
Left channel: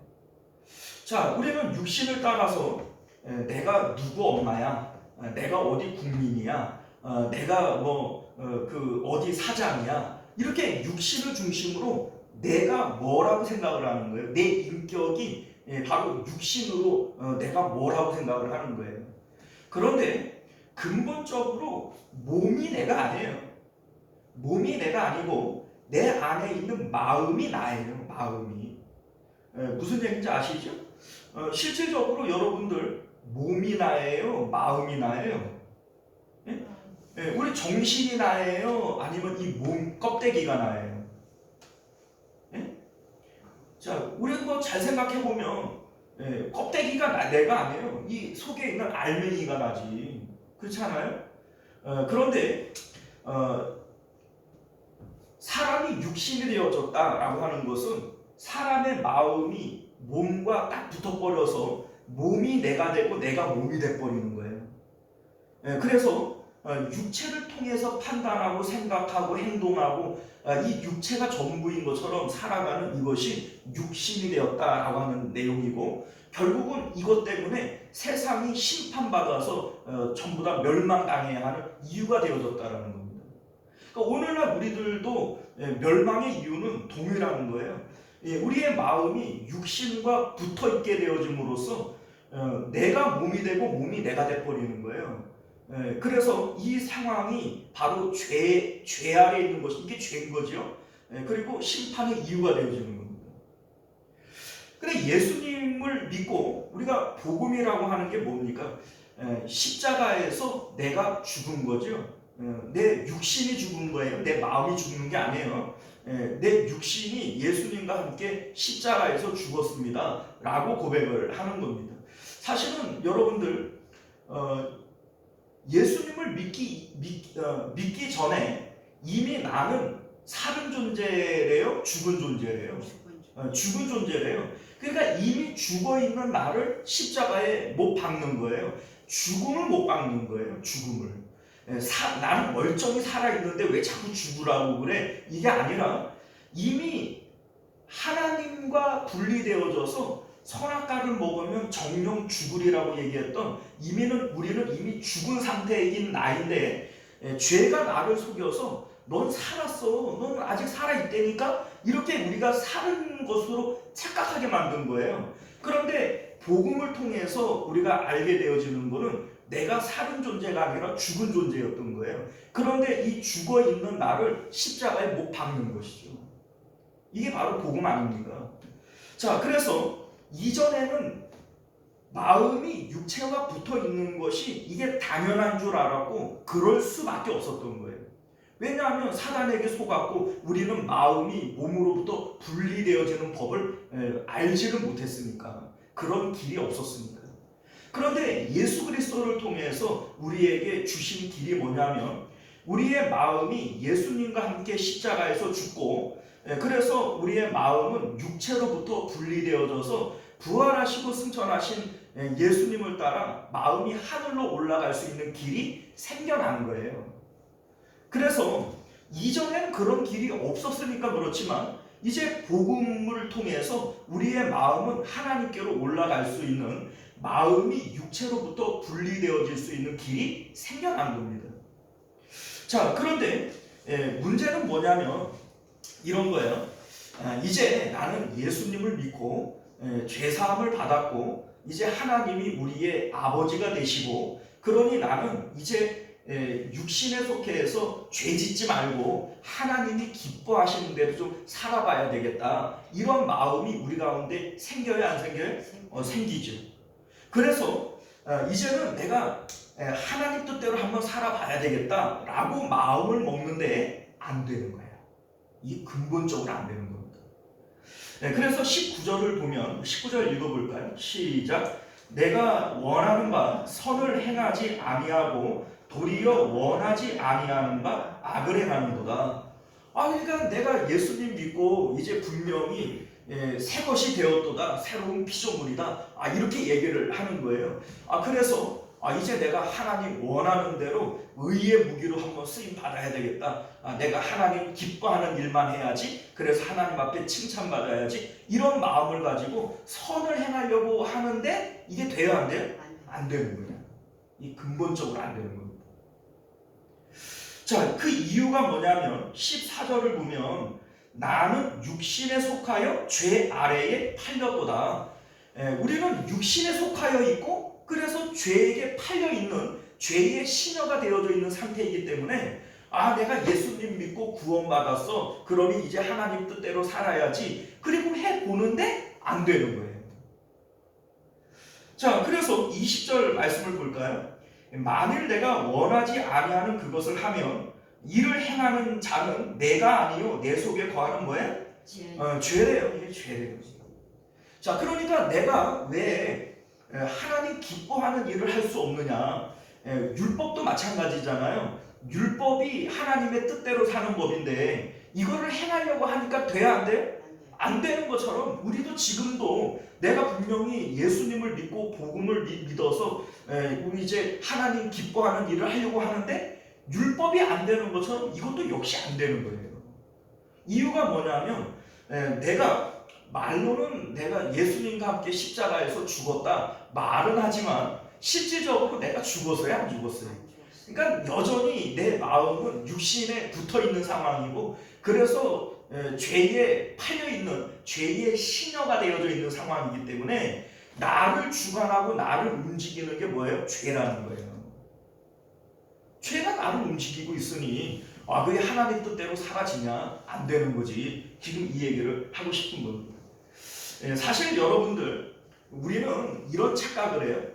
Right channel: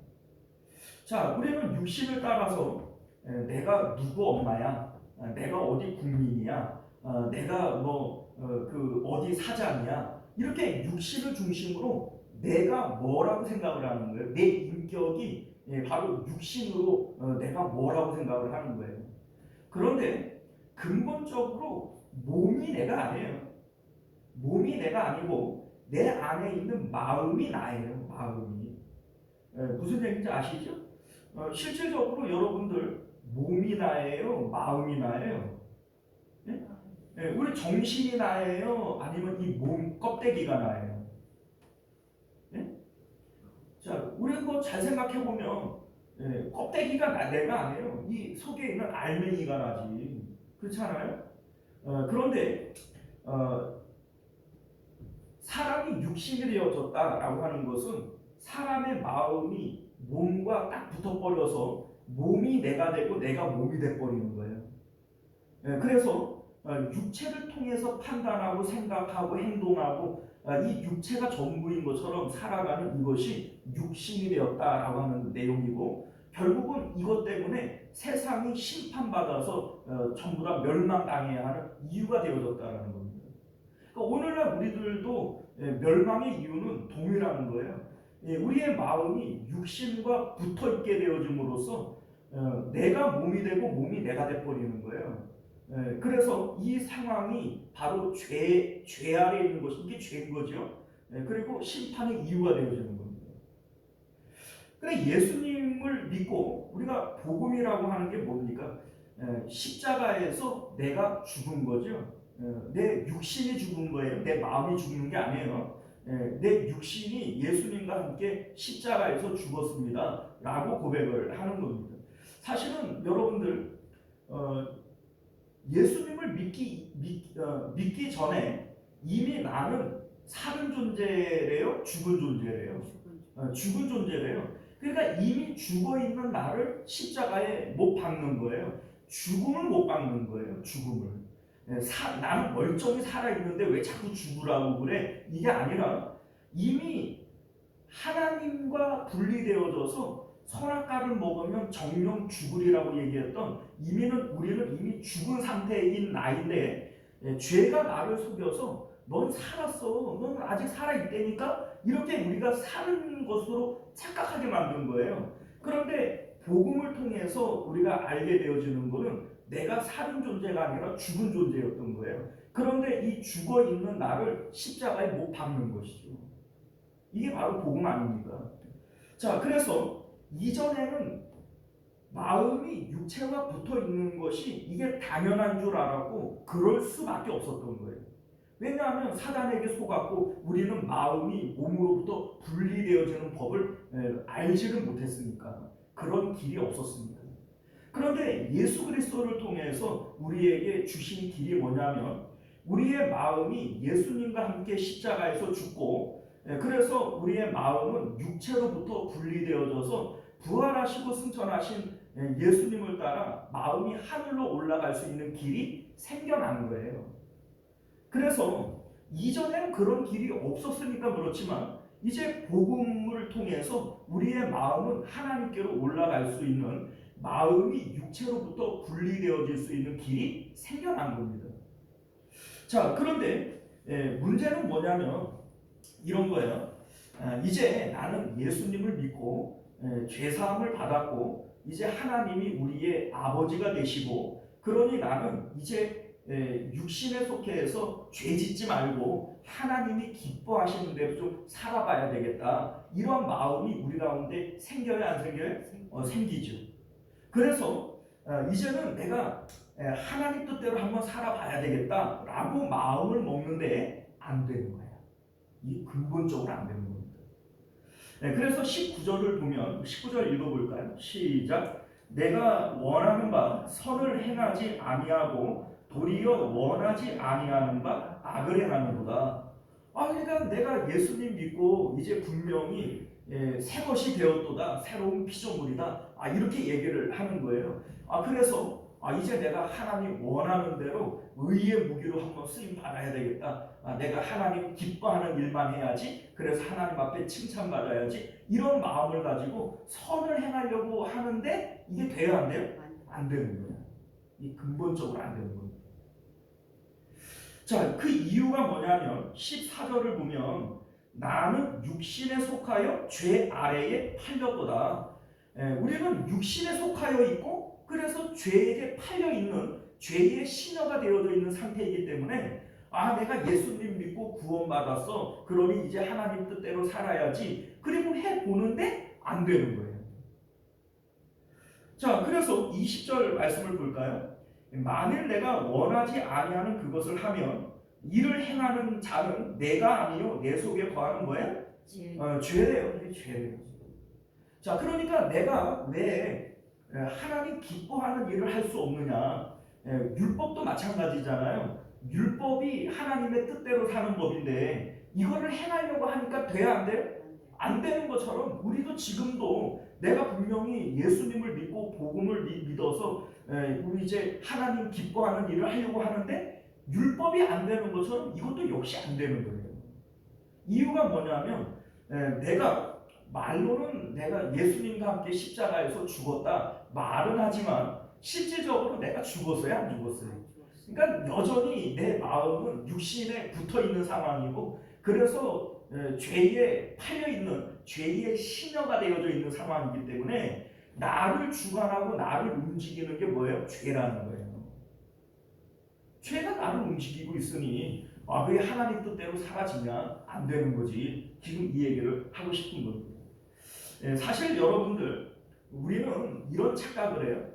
자, 우리는 육신을 따라서 내가 누구 엄마야, 내가 어디 국민이야, 내가 그 어디 사장이야, 이렇게 육신을 중심으로 내가 뭐라고 생각을 하는 거예요. 내 인격이 바로 육신으로 내가 뭐라고 생각을 하는 거예요. 그런데 근본적으로 몸이 내가 아니에요. 몸이 내가 아니고 내 안에 있는 마음이 나예요. 마음이. 무슨 얘기인지 아시죠? 실질적으로 여러분들 몸이 나예요? 마음이 나예요? 우리 정신이 나예요? 아니면 이 몸 껍데기가 나예요? 자, 우리 잘 생각해 보면 껍데기가 내가 아니에요. 이 속에 있는 알맹이가 나지. 그렇지 않아요? 그런데 사람이 육신이 되어졌다라고 하는 것은 사람의 마음이 몸과 딱 붙어버려서 몸이 내가 되고 내가 몸이 돼버리는 거예요. 그래서 육체를 통해서 판단하고 생각하고 행동하고 이 육체가 전부인 것처럼 살아가는 이것이 육신이 되었다라고 하는 내용이고, 결국은 이것 때문에 세상이 심판받아서 전부 다 멸망당해야 하는 이유가 되어졌다라는 겁니다. 그러니까 오늘날 우리들도 멸망의 이유는 동일한 거예요. 우리의 마음이 육신과 붙어있게 되어짐으로써 내가 몸이 되고 몸이 내가 돼버리는 거예요. 그래서 이 상황이 바로 죄 아래에 있는 것이, 이게 죄인 거죠. 그리고 심판의 이유가 되어지는 겁니다. 그래, 예수님을 믿고 우리가 복음이라고 하는 게 뭡니까? 십자가에서 내가 죽은 거죠. 내 육신이 죽은 거예요. 내 마음이 죽는 게 아니에요. 내 육신이 예수님과 함께 십자가에서 죽었습니다 라고 고백을 하는 겁니다. 사실은 여러분들 예수님을 믿기 전에 이미 나는 사는 존재래요? 죽은 존재래요? 죽은 존재래요. 그러니까 이미 죽어있는 나를 십자가에 못 박는 거예요. 죽음을 못 박는 거예요. 죽음을. 나는 멀쩡히 살아있는데 왜 자꾸 죽으라고 그래? 이게 아니라 이미 하나님과 분리되어져서 선악과를 먹으면 정령 죽으리라고 얘기했던 우리는 이미 죽은 상태인 나인데 죄가 나를 속여서 넌 살았어, 넌 아직 살아있다니까, 이렇게 우리가 사는 것으로 착각하게 만든 거예요. 그런데 복음을 통해서 우리가 알게 되어지는 것은 내가 사는 존재가 아니라 죽은 존재였던 거예요. 그런데 이 죽어있는 나를 십자가에 못 박는 것이죠. 이게 바로 복음 아닙니까? 자, 그래서 이전에는 마음이 육체와 붙어 있는 것이 이게 당연한 줄 알았고 그럴 수밖에 없었던 거예요. 왜냐하면 사단에게 속았고 우리는 마음이 몸으로부터 분리되어지는 법을 알지를 못했으니까 그런 길이 없었습니다. 그런데 예수 그리스도를 통해서 우리에게 주신 길이 뭐냐면 우리의 마음이 예수님과 함께 십자가에서 죽고 그래서 우리의 마음은 육체로부터 분리되어져서 부활하시고 승천하신 예수님을 따라 마음이 하늘로 올라갈 수 있는 길이 생겨난 거예요. 그래서 이전에는 그런 길이 없었으니까 그렇지만 이제 복음을 통해서 우리의 마음은 하나님께로 올라갈 수 있는 마음이 육체로부터 분리되어질 수 있는 길이 생겨난 겁니다. 자, 그런데 문제는 뭐냐면 이런 거예요. 이제 나는 예수님을 믿고 죄사함을 받았고 이제 하나님이 우리의 아버지가 되시고 그러니 나는 이제 육신에 속해서 죄 짓지 말고 하나님이 기뻐하시는 대로 좀 살아봐야 되겠다. 이런 마음이 우리 가운데 생겨요, 안 생겨요? 생기죠. 그래서 이제는 내가 하나님 뜻대로 한번 살아봐야 되겠다라고 마음을 먹는데 안 되는 거야. 이 근본적으로 안 되는 겁니다. 그래서 19절을 보면 19절 읽어볼까요? 시작. 내가 원하는 바 선을 행하지 아니하고 도리어 원하지 아니하는 바 악을 행하는도다. 그러니까 내가 예수님 믿고 이제 분명히 새 것이 되었도다, 새로운 피조물이다, 이렇게 얘기를 하는 거예요. 그래서 이제 내가 하나님 원하는 대로 의의 무기로 한번 쓰임 받아야 되겠다. 내가 하나님 기뻐하는 일만 해야지. 그래서 하나님 앞에 칭찬받아야지. 이런 마음을 가지고 선을 행하려고 하는데 이게 돼야 안 돼요? 안 되는 거예요. 이 근본적으로 안 되는 겁니다. 자, 그 이유가 뭐냐면 14절을 보면 나는 육신에 속하여 죄 아래에 팔렸도다. 우리는 육신에 속하여 있고 그래서 죄에게 팔려있는 죄의 시녀가 되어져 있는 상태이기 때문에 내가 예수님 믿고 구원받았어. 그러니 이제 하나님 뜻대로 살아야지. 그리고 해보는데 안 되는 거예요. 자, 그래서 20절 말씀을 볼까요? 만일 내가 원하지 아니하는 그것을 하면 이를 행하는 자는 내가 아니요 내 속에 거하는 뭐예요? 죄래요. 이게 죄래요. 자, 그러니까 내가 왜 하나님 기뻐하는 일을 할 수 없느냐? 율법도 마찬가지잖아요. 율법이 하나님의 뜻대로 사는 법인데 이거를 행하려고 하니까 돼야 안 돼요? 안 되는 것처럼 우리도 지금도 내가 분명히 예수님을 믿고 복음을 믿어서 우리 이제 하나님 기뻐하는 일을 하려고 하는데 율법이 안 되는 것처럼 이것도 역시 안 되는 거예요. 이유가 뭐냐면 내가 말로는 내가 예수님과 함께 십자가에서 죽었다 말은 하지만 실질적으로 내가 죽었어요, 안 죽었어요? 그러니까 여전히 내 마음은 육신에 붙어있는 상황이고 그래서 죄에 팔려있는 죄의 시녀가 되어져 있는 상황이기 때문에 나를 주관하고 나를 움직이는 게 뭐예요? 죄라는 거예요. 죄가 나를 움직이고 있으니 왜 하나님 뜻대로 사라지냐? 안 되는 거지. 지금 이 얘기를 하고 싶은 겁니다. 사실 여러분들 우리는 이런 착각을 해요.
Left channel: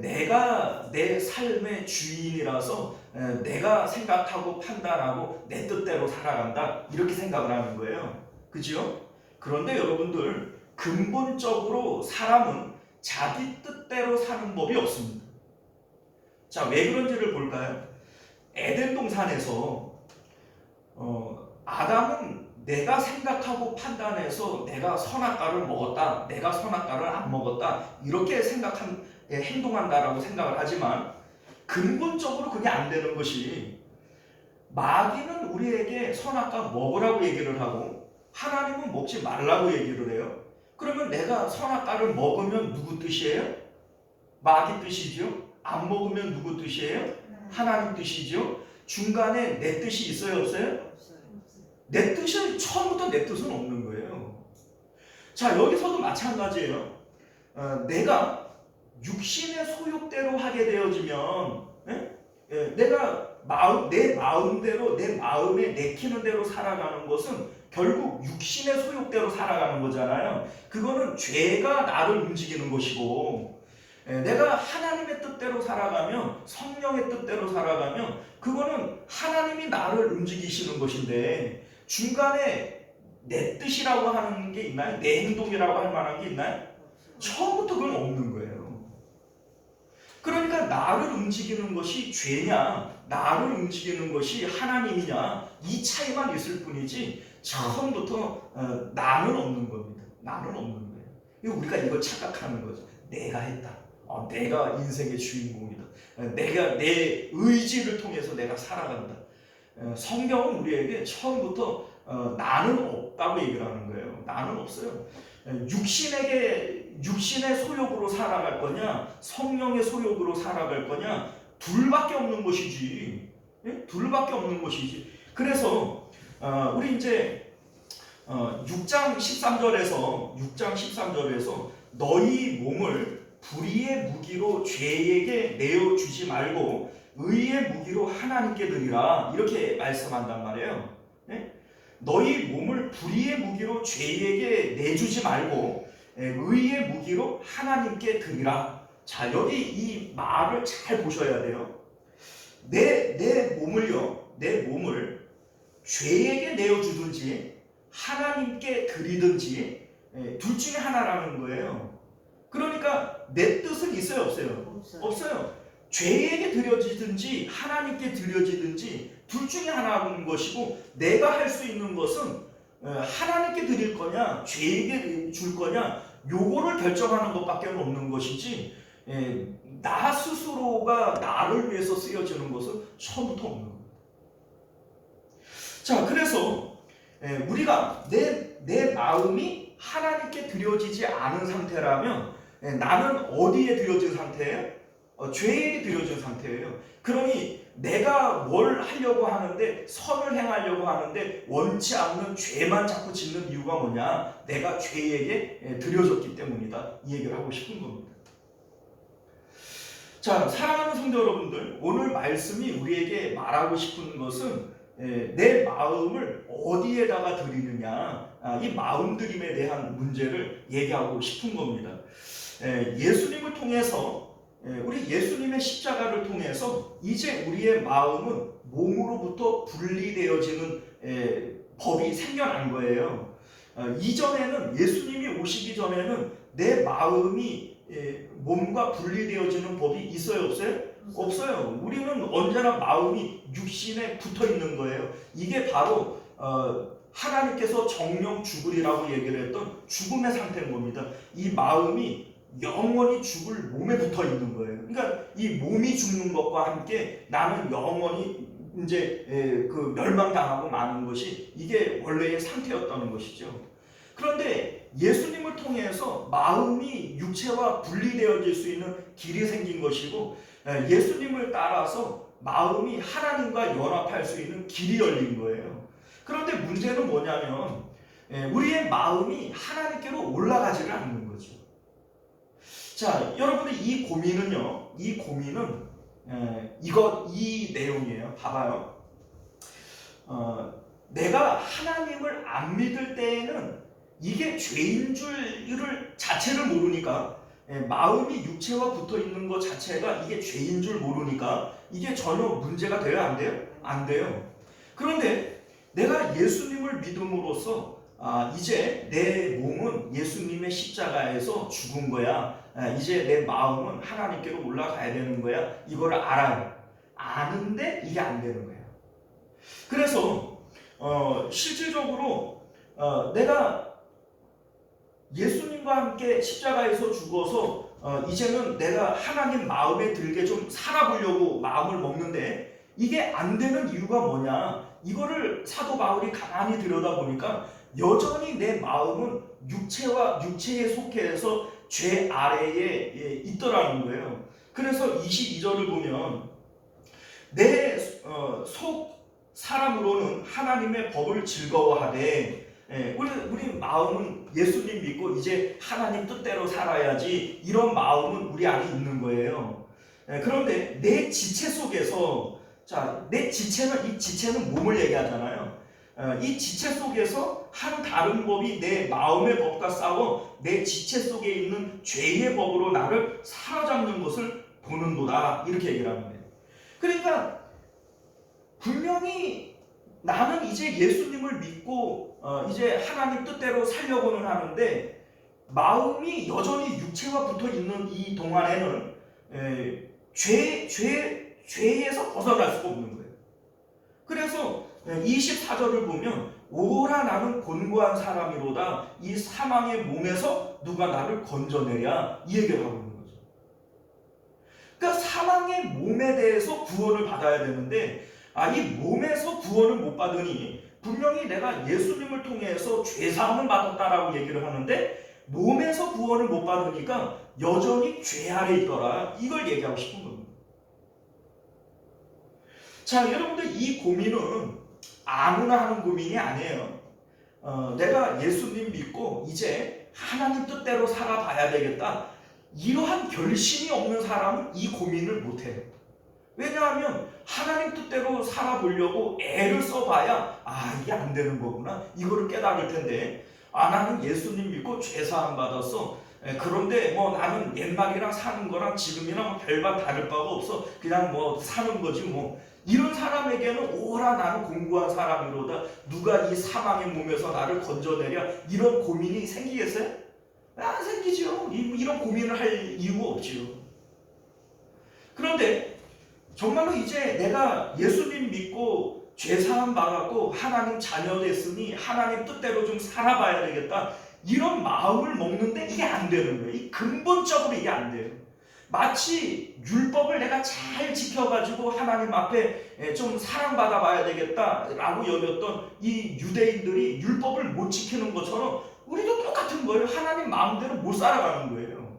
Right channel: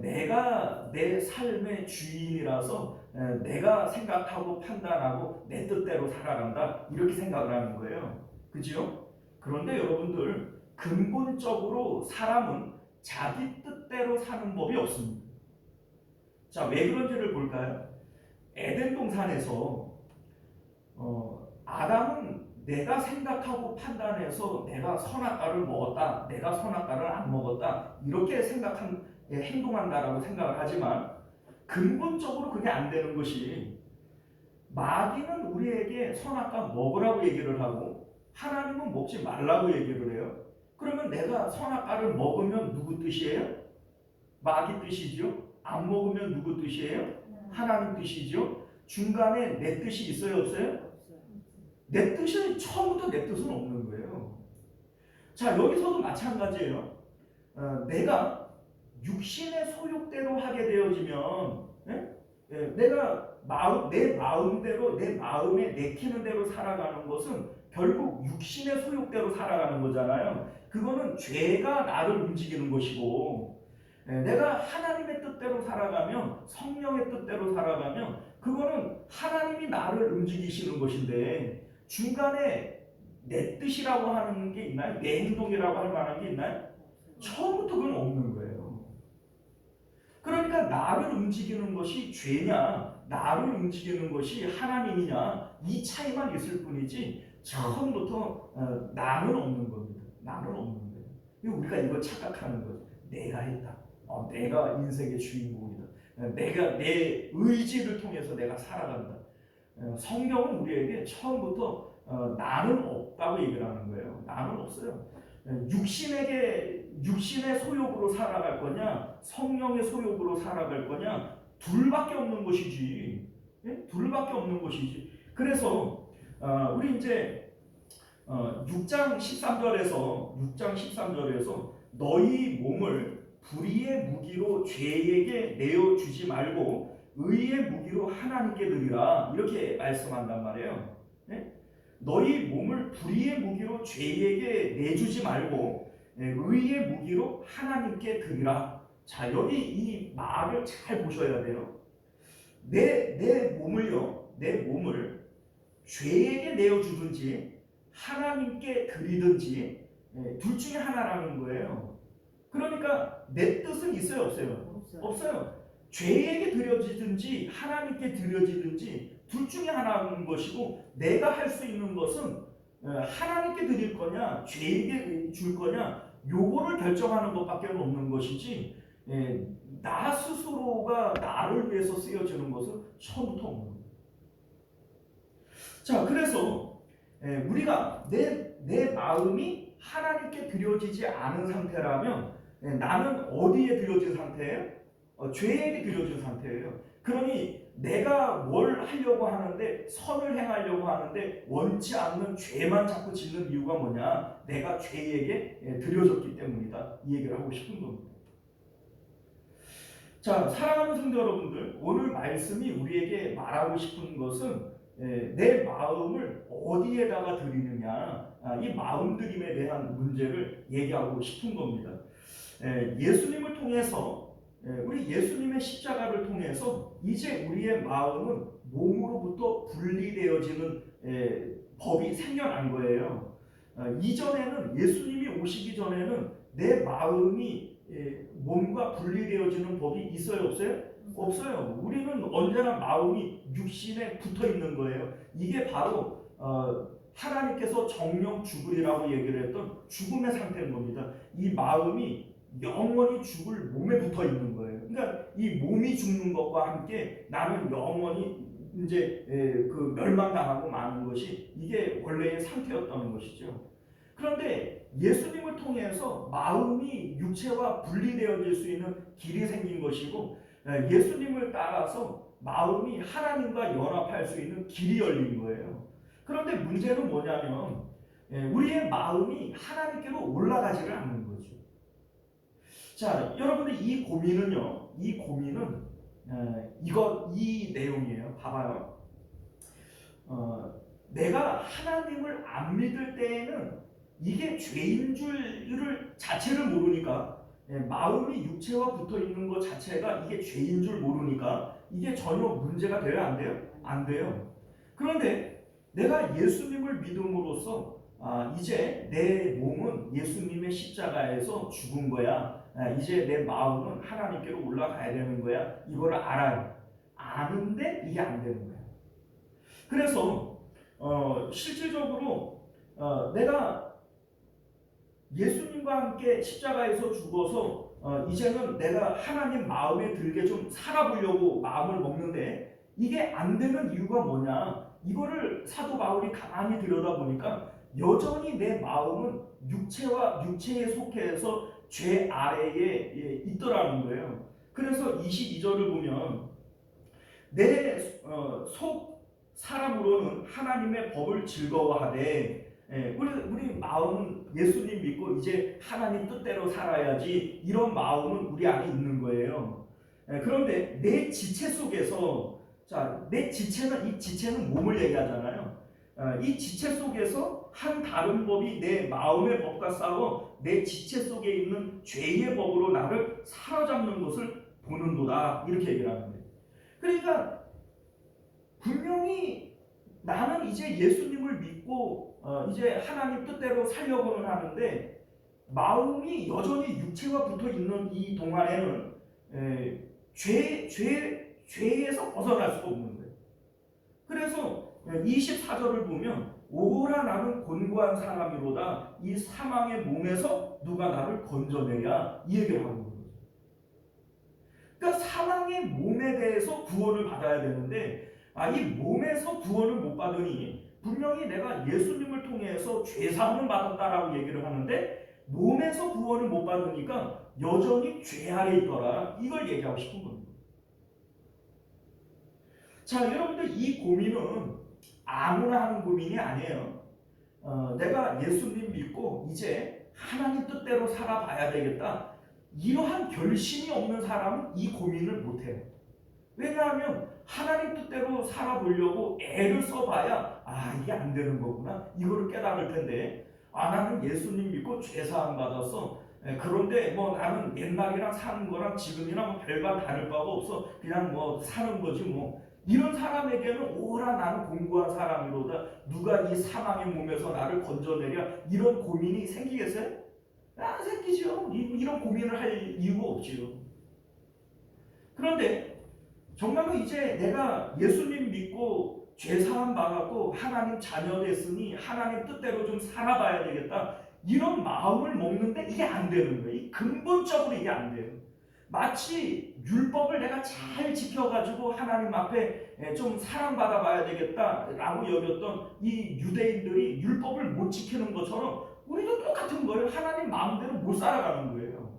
내가 내 삶의 주인이라서 내가 생각하고 판단하고 내 뜻대로 살아간다 이렇게 생각을 하는 거예요. 그죠? 그런데 여러분들 근본적으로 사람은 자기 뜻대로 사는 법이 없습니다. 자, 왜 그런지를 볼까요? 에덴 동산에서 아담은 내가 생각하고 판단해서 내가 선악과를 먹었다, 내가 선악과를 안 먹었다 이렇게 행동한다라고 생각을 하지만 근본적으로 그게 안 되는 것이 마귀는 우리에게 선악과 먹으라고 얘기를 하고 하나님은 먹지 말라고 얘기를 해요. 그러면 내가 선악과를 먹으면 누구 뜻이에요? 마귀 뜻이죠. 안 먹으면 누구 뜻이에요? 하나님 뜻이죠. 중간에 내 뜻이 있어요, 없어요? 내 뜻은 처음부터 내 뜻은 없는 거예요. 자, 여기서도 마찬가지예요. 내가 육신의 소욕대로 하게 되어지면 내가 내 마음대로 내 마음에 내키는 대로 살아가는 것은 결국 육신의 소욕대로 살아가는 거잖아요. 그거는 죄가 나를 움직이는 것이고 내가 하나님의 뜻대로 살아가면, 성령의 뜻대로 살아가면 그거는 하나님이 나를 움직이시는 것인데, 중간에 내 뜻이라고 하는 게 있나요? 내 행동이라고 할 만한 게 있나요? 처음부터 그건 없는 거예요. 그러니까 나를 움직이는 것이 죄냐, 나를 움직이는 것이 하나님이냐, 이 차이만 있을 뿐이지 처음부터 나는 없는 겁니다. 나는 없는 거예요. 우리가 이걸 착각하는 거죠. 내가 했다. 내가 인생의 주인공이다. 내가 내 의지를 통해서 내가 살아간다. 성경은 우리에게 처음부터 나는 없다고 얘기를 하는 거예요. 나는 없어요. 육신의 소욕으로 살아갈 거냐, 성령의 소욕으로 살아갈 거냐, 둘밖에 없는 것이지. 둘밖에 없는 것이지. 그래서 우리 이제 6장 13절에서 너희 몸을 불의의 무기로 죄에게 내어주지 말고 의의 무기로 하나님께 드리라, 이렇게 말씀한단 말이에요. 너희 몸을 불의의 무기로 죄에게 내주지 말고 의의 무기로 하나님께 드리라. 자, 여기 이 말을 잘 보셔야 돼요. 내 몸을 죄에게 내어주든지 하나님께 드리든지 둘 중에 하나라는 거예요. 그러니까 내 뜻은 있어요, 없어요? 없어요. 죄에게 드려지든지 하나님께 드려지든지 둘 중에 하나인 것이고, 내가 할 수 있는 것은 하나님께 드릴 거냐, 죄에게 줄 거냐, 요거를 결정하는 것밖에 없는 것이지, 나 스스로가 나를 위해서 쓰여지는 것은 처음부터 없는 겁니다. 자, 그래서 우리가 내 마음이 하나님께 드려지지 않은 상태라면 나는 어디에 드려진 상태예요? 죄에 드려진 상태예요. 그러니 내가 뭘 하려고 하는데, 선을 행하려고 하는데 원치 않는 죄만 자꾸 짓는 이유가 뭐냐? 내가 죄에게 드려졌기 때문이다. 이 얘기를 하고 싶은 겁니다. 자, 사랑하는 성도 여러분들, 오늘 말씀이 우리에게 말하고 싶은 것은 내 마음을 어디에다가 드리느냐, 이 마음드림에 대한 문제를 얘기하고 싶은 겁니다. 예수님을 통해서, 우리 예수님의 십자가를 통해서 이제 우리의 마음은 몸으로부터 분리되어지는 법이 생겨난 거예요. 이전에는, 예수님이 오시기 전에는 내 마음이 몸과 분리되어지는 법이 있어요, 없어요? 없어요. 우리는 언제나 마음이 육신에 붙어 있는 거예요. 이게 바로 하나님께서 정령 죽으리라고 얘기를 했던 죽음의 상태인 겁니다. 이 마음이 영원히 죽을 몸에 붙어 있는 거예요. 그러니까 이 몸이 죽는 것과 함께 나는 영원히 이제 그 멸망당하고 마는 것이 이게 원래의 상태였다는 것이죠. 그런데 예수님을 통해서 마음이 육체와 분리되어질 수 있는 길이 생긴 것이고, 예수님을 따라서 마음이 하나님과 연합할 수 있는 길이 열린 거예요. 그런데 문제는 뭐냐면 우리의 마음이 하나님께로 올라가지를 않는 거죠. 자, 여러분들, 이 고민은 이 내용이에요. 봐봐요. 내가 하나님을 안 믿을 때에는 이게 죄인 줄을 자체를 모르니까, 마음이 육체와 붙어 있는 것 자체가 이게 죄인 줄 모르니까 이게 전혀 문제가 돼요, 안 돼요? 안 돼요. 그런데 내가 예수님을 믿음으로써 이제 내 몸은 예수님의 십자가에서 죽은 거야. 이제 내 마음은 하나님께로 올라가야 되는 거야. 이걸 알아요. 아는데 이게 안 되는 거예요. 그래서 실질적으로 내가 예수님과 함께 십자가에서 죽어서 이제는 내가 하나님 마음에 들게 좀 살아보려고 마음을 먹는데 이게 안 되는 이유가 뭐냐? 이거를 사도 바울이 가만히 들여다보니까 여전히 내 마음은 육체에 속해서 죄 아래에 있더라는 거예요. 그래서 22절을 보면 내 속 사람으로는 하나님의 법을 즐거워하되, 우리 마음은 예수님 믿고 이제 하나님 뜻대로 살아야지, 이런 마음은 우리 안에 있는 거예요. 그런데 내 지체 속에서, 자, 내 지체는, 이 지체는 몸을 얘기하잖아요. 이 지체 속에서 한 다른 법이 내 마음의 법과 싸워 내 지체 속에 있는 죄의 법으로 나를 사로잡는 것을 보는도다, 이렇게 얘기를 합니다. 그러니까 분명히 나는 이제 예수님을 믿고 이제 하나님 뜻대로 살려고는 하는데 마음이 여전히 육체와 붙어 있는 이 동안에는 죄에서 벗어날 수가 없는 거예요. 그래서 24절을 보면 오라 나는 곤고한 사람이로다, 이 사망의 몸에서 누가 나를 건져내랴, 이 얘기를 하고 있는 거죠. 그러니까 사망의 몸에 대해서 구원을 받아야 되는데 이 몸에서 구원을 못 받으니 분명히 내가 예수님을 통해서 죄사함을 받았다라고 얘기를 하는데 몸에서 구원을 못 받으니까 여전히 죄 아래 있더라, 이걸 얘기하고 싶은 겁니다. 자, 여러분들 이 고민은 아무나 하는 고민이 아니에요. 내가 예수님 믿고 이제 하나님 뜻대로 살아봐야 되겠다, 이러한 결심이 없는 사람은 이 고민을 못해요. 왜냐하면 하나님 뜻대로 살아보려고 애를 써봐야 이게 안 되는 거구나, 이거를 깨달을 텐데 나는 예수님 믿고 죄사함 받았어. 그런데 뭐 나는 옛날이랑 사는 거랑 지금이랑 별반 다를 바가 없어. 그냥 뭐 사는 거지 뭐. 이런 사람에게는 오라 나는 공고한 사람이로다, 누가 이 사망의 몸에서 나를 건져내랴, 이런 고민이 생기겠어요? 안 생기죠. 이런 고민을 할 이유가 없지요. 그런데 정말로 이제 내가 예수님 믿고 죄사함 받았고 하나님 자녀 됐으니 하나님 뜻대로 좀 살아봐야 되겠다, 이런 마음을 먹는데 이게 안 되는 거예요. 근본적으로 이게 안 돼요. 마치 율법을 내가 잘 지켜가지고 하나님 앞에 좀 사랑받아 봐야 되겠다라고 여겼던 이 유대인들이 율법을 못 지키는 것처럼 우리도 똑같은 거예요. 하나님 마음대로 못 살아가는 거예요.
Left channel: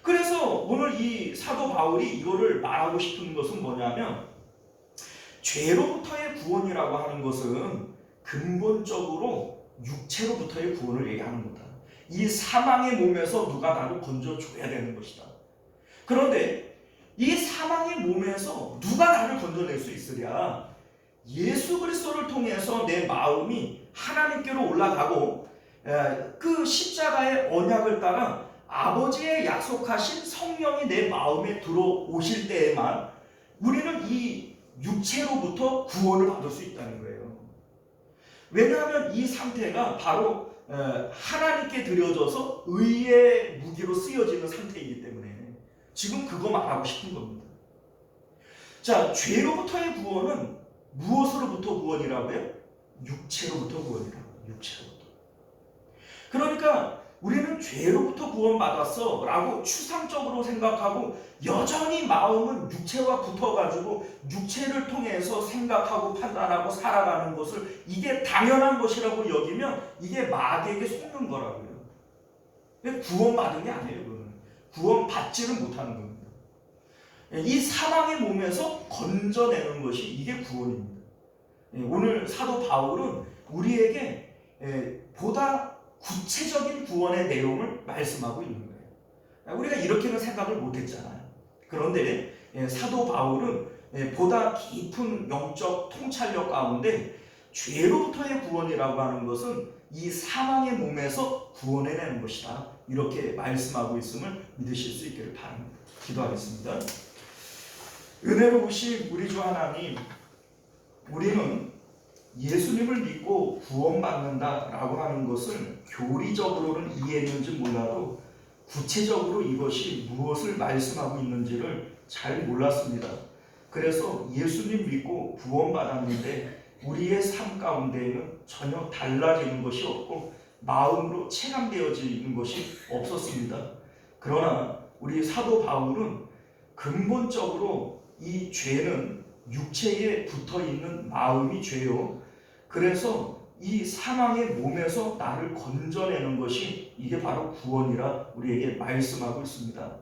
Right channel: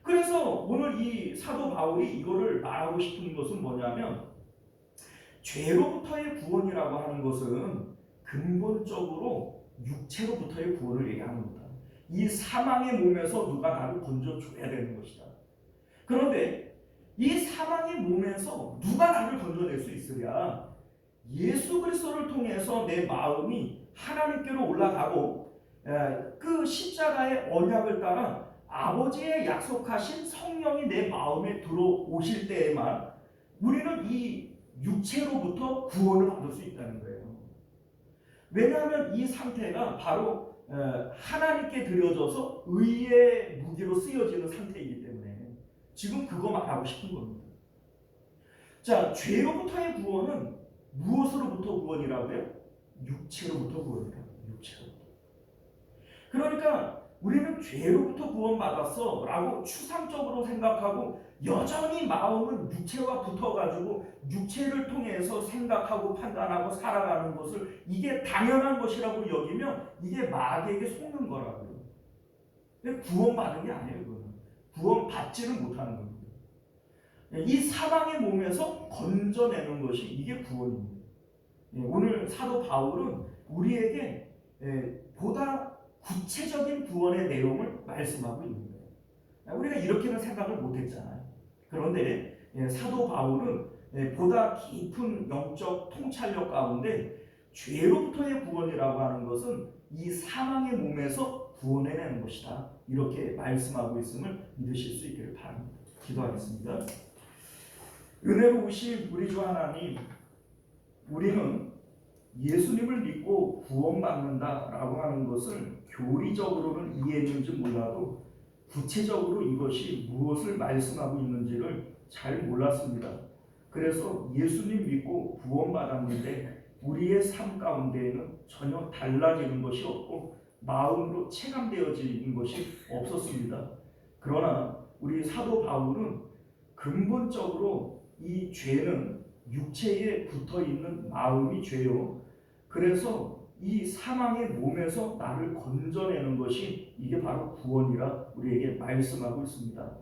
그래서 오늘 이 사도 바울이 이거를 말하고 싶은 것은 뭐냐면, 죄로부터의 구원이라고 하는 것은 근본적으로 육체로부터의 구원을 얘기하는 거다. 이 사망의 몸에서 누가 나를 건져줘야 되는 것이다. 그런데 이 사망의 몸에서 누가 나를 건져낼 수 있으랴? 예수 그리스도를 통해서 내 마음이 하나님께로 올라가고 그 십자가의 언약을 따라 아버지의 약속하신 성령이 내 마음에 들어오실 때에만 우리는 이 육체로부터 구원을 받을 수 있다는 거예요. 왜냐하면 이 상태가 바로 하나님께 드려져서 의의 무기로 쓰여지는 상태이기 때문에 지금 그거 말하고 싶은 겁니다. 자, 죄로부터의 구원은 무엇으로부터 구원이라고요? 육체로부터 구원이라고. 육체로부터. 그러니까 우리는 죄로부터 구원받았어 라고 추상적으로 생각하고 여전히 마음은 육체와 붙어가지고 육체를 통해서 생각하고 판단하고 살아가는 것을 이게 당연한 것이라고 여기면 이게 마귀에게 속는 거라고요. 구원받은 게 아니에요. 그거는. 구원받지는 못하는 겁니다. 이 사망의 몸에서 건져내는 것이 이게 구원입니다. 오늘 사도 바울은 우리에게 보다 구체적인 구원의 내용을 말씀하고 있는 거예요. 우리가 이렇게는 생각을 못했잖아요. 그런데 사도 바울은 보다 깊은 영적 통찰력 가운데 죄로부터의 구원이라고 하는 것은 이 사망의 몸에서 구원해내는 것이다, 이렇게 말씀하고 있음을 믿으실 수 있기를 바랍니다. 기도하겠습니다. 은혜로우신 우리 주 하나님, 우리는 예수님을 믿고 구원받는다라고 하는 것을 교리적으로는 이해했는지 몰라도 구체적으로 이것이 무엇을 말씀하고 있는지를 잘 몰랐습니다. 그래서 예수님 믿고 구원받았는데 우리의 삶 가운데에는 전혀 달라지는 것이 없고 마음으로 체감되어지는 것이 없었습니다. 그러나 우리 사도 바울은 근본적으로 이 죄는 육체에 붙어있는 마음이 죄요. 그래서 이 사망의 몸에서 나를 건져내는 것이 이게 바로 구원이라 우리에게 말씀하고 있습니다.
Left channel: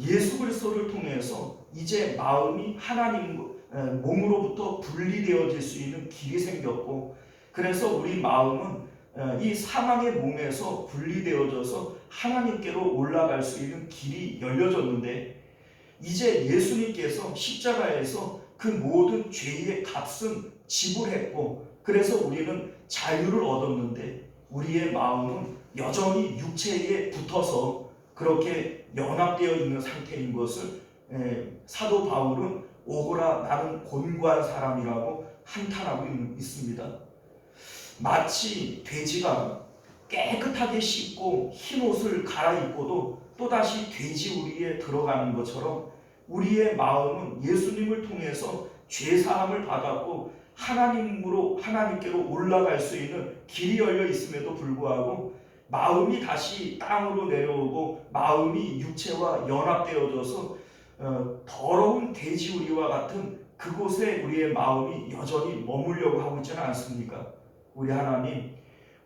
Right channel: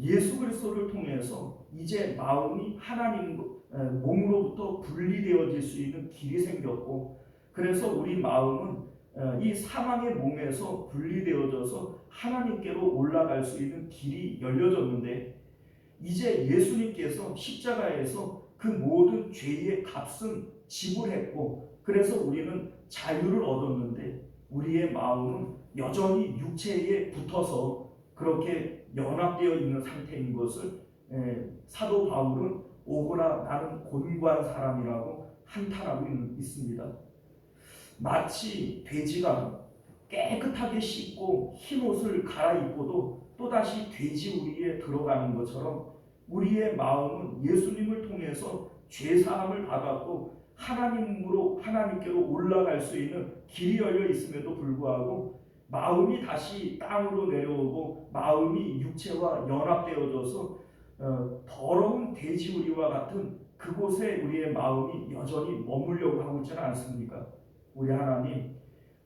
예수 그리스도를 통해서 이제 마음이 하나님 몸으로부터 분리되어질 수 있는 길이 생겼고, 그래서 우리 마음은 이 사망의 몸에서 분리되어져서 하나님께로 올라갈 수 있는 길이 열려졌는데, 이제 예수님께서 십자가에서 그 모든 죄의 값은 지불했고 그래서 우리는 자유를 얻었는데 우리의 마음은 여전히 육체에 붙어서 그렇게 연합되어 있는 상태인 것을 사도 바울은 오호라 나는 곤고한 사람이라고 한탄하고 있습니다. 마치 돼지가 깨끗하게 씻고 흰 옷을 갈아입고도 또다시 돼지우리에 들어가는 것처럼 우리의 마음은 예수님을 통해서 죄사함을 받았고 하나님께로 올라갈 수 있는 길이 열려 있음에도 불구하고 마음이 다시 땅으로 내려오고 마음이 육체와 연합되어져서 더러운 돼지우리와 같은 그곳에 우리의 마음이 여전히 머물려고 하고 있지는 않습니까? 우리 하나님,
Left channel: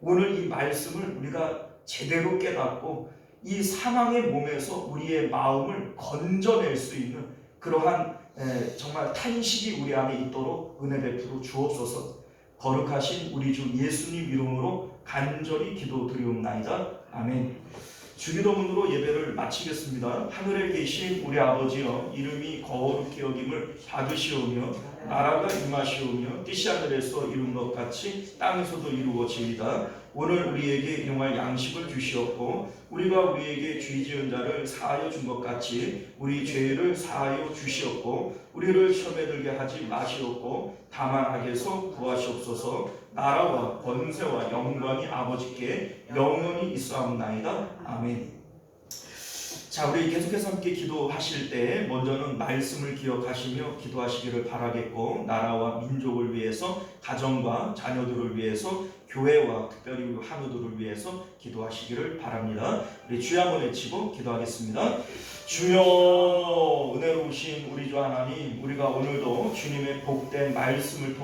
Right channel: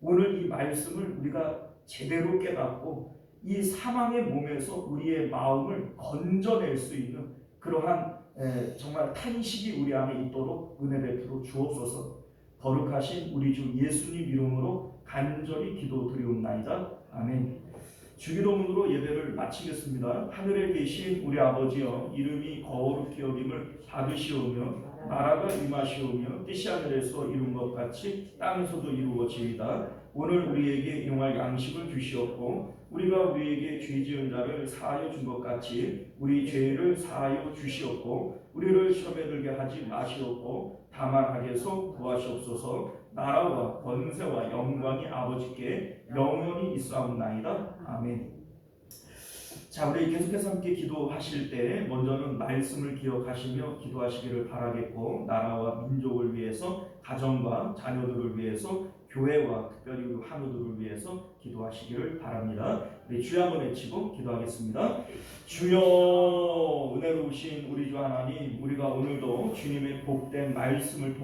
오늘 이 말씀을 우리가 제대로 깨닫고 이 사망의 몸에서 우리의 마음을 건져낼 수 있는 그러한 정말 탄식이 우리 안에 있도록 은혜 베풀어 주옵소서. 거룩하신 우리 주 예수님 이름으로 간절히 기도드리옵나이다. 아멘. 주기도문으로 예배를 마치겠습니다. 하늘에 계신 우리 아버지여, 이름이 거룩히 여김을 받으시오며 나라가 임하시오며 뜻이 하늘에서 이룬 것 같이 땅에서도 이루어지이다. 오늘 우리에게 일용할 양식을 주시옵고 우리가 우리에게 죄 지은 자를 사하여 준 것 같이 우리 죄를 사하여 주시옵고 우리를 시험에 들게 하지 마시옵고 다만 악에서 구하시옵소서. 나라와 권세와 영광이 아버지께 영원히 있사옵나이다. 아멘. 자, 우리 계속해서 함께 기도하실 때 먼저는 말씀을 기억하시며 기도하시기를 바라겠고 나라와 민족을 위해서, 가정과 자녀들을 위해서, 교회와 특별히 한우들을 위해서 기도하시기를 바랍니다. 우리 주여 한번 외치고 기도하겠습니다. 주여, 은혜로우신 우리 주 하나님, 우리가 오늘도 주님의 복된 말씀을 통해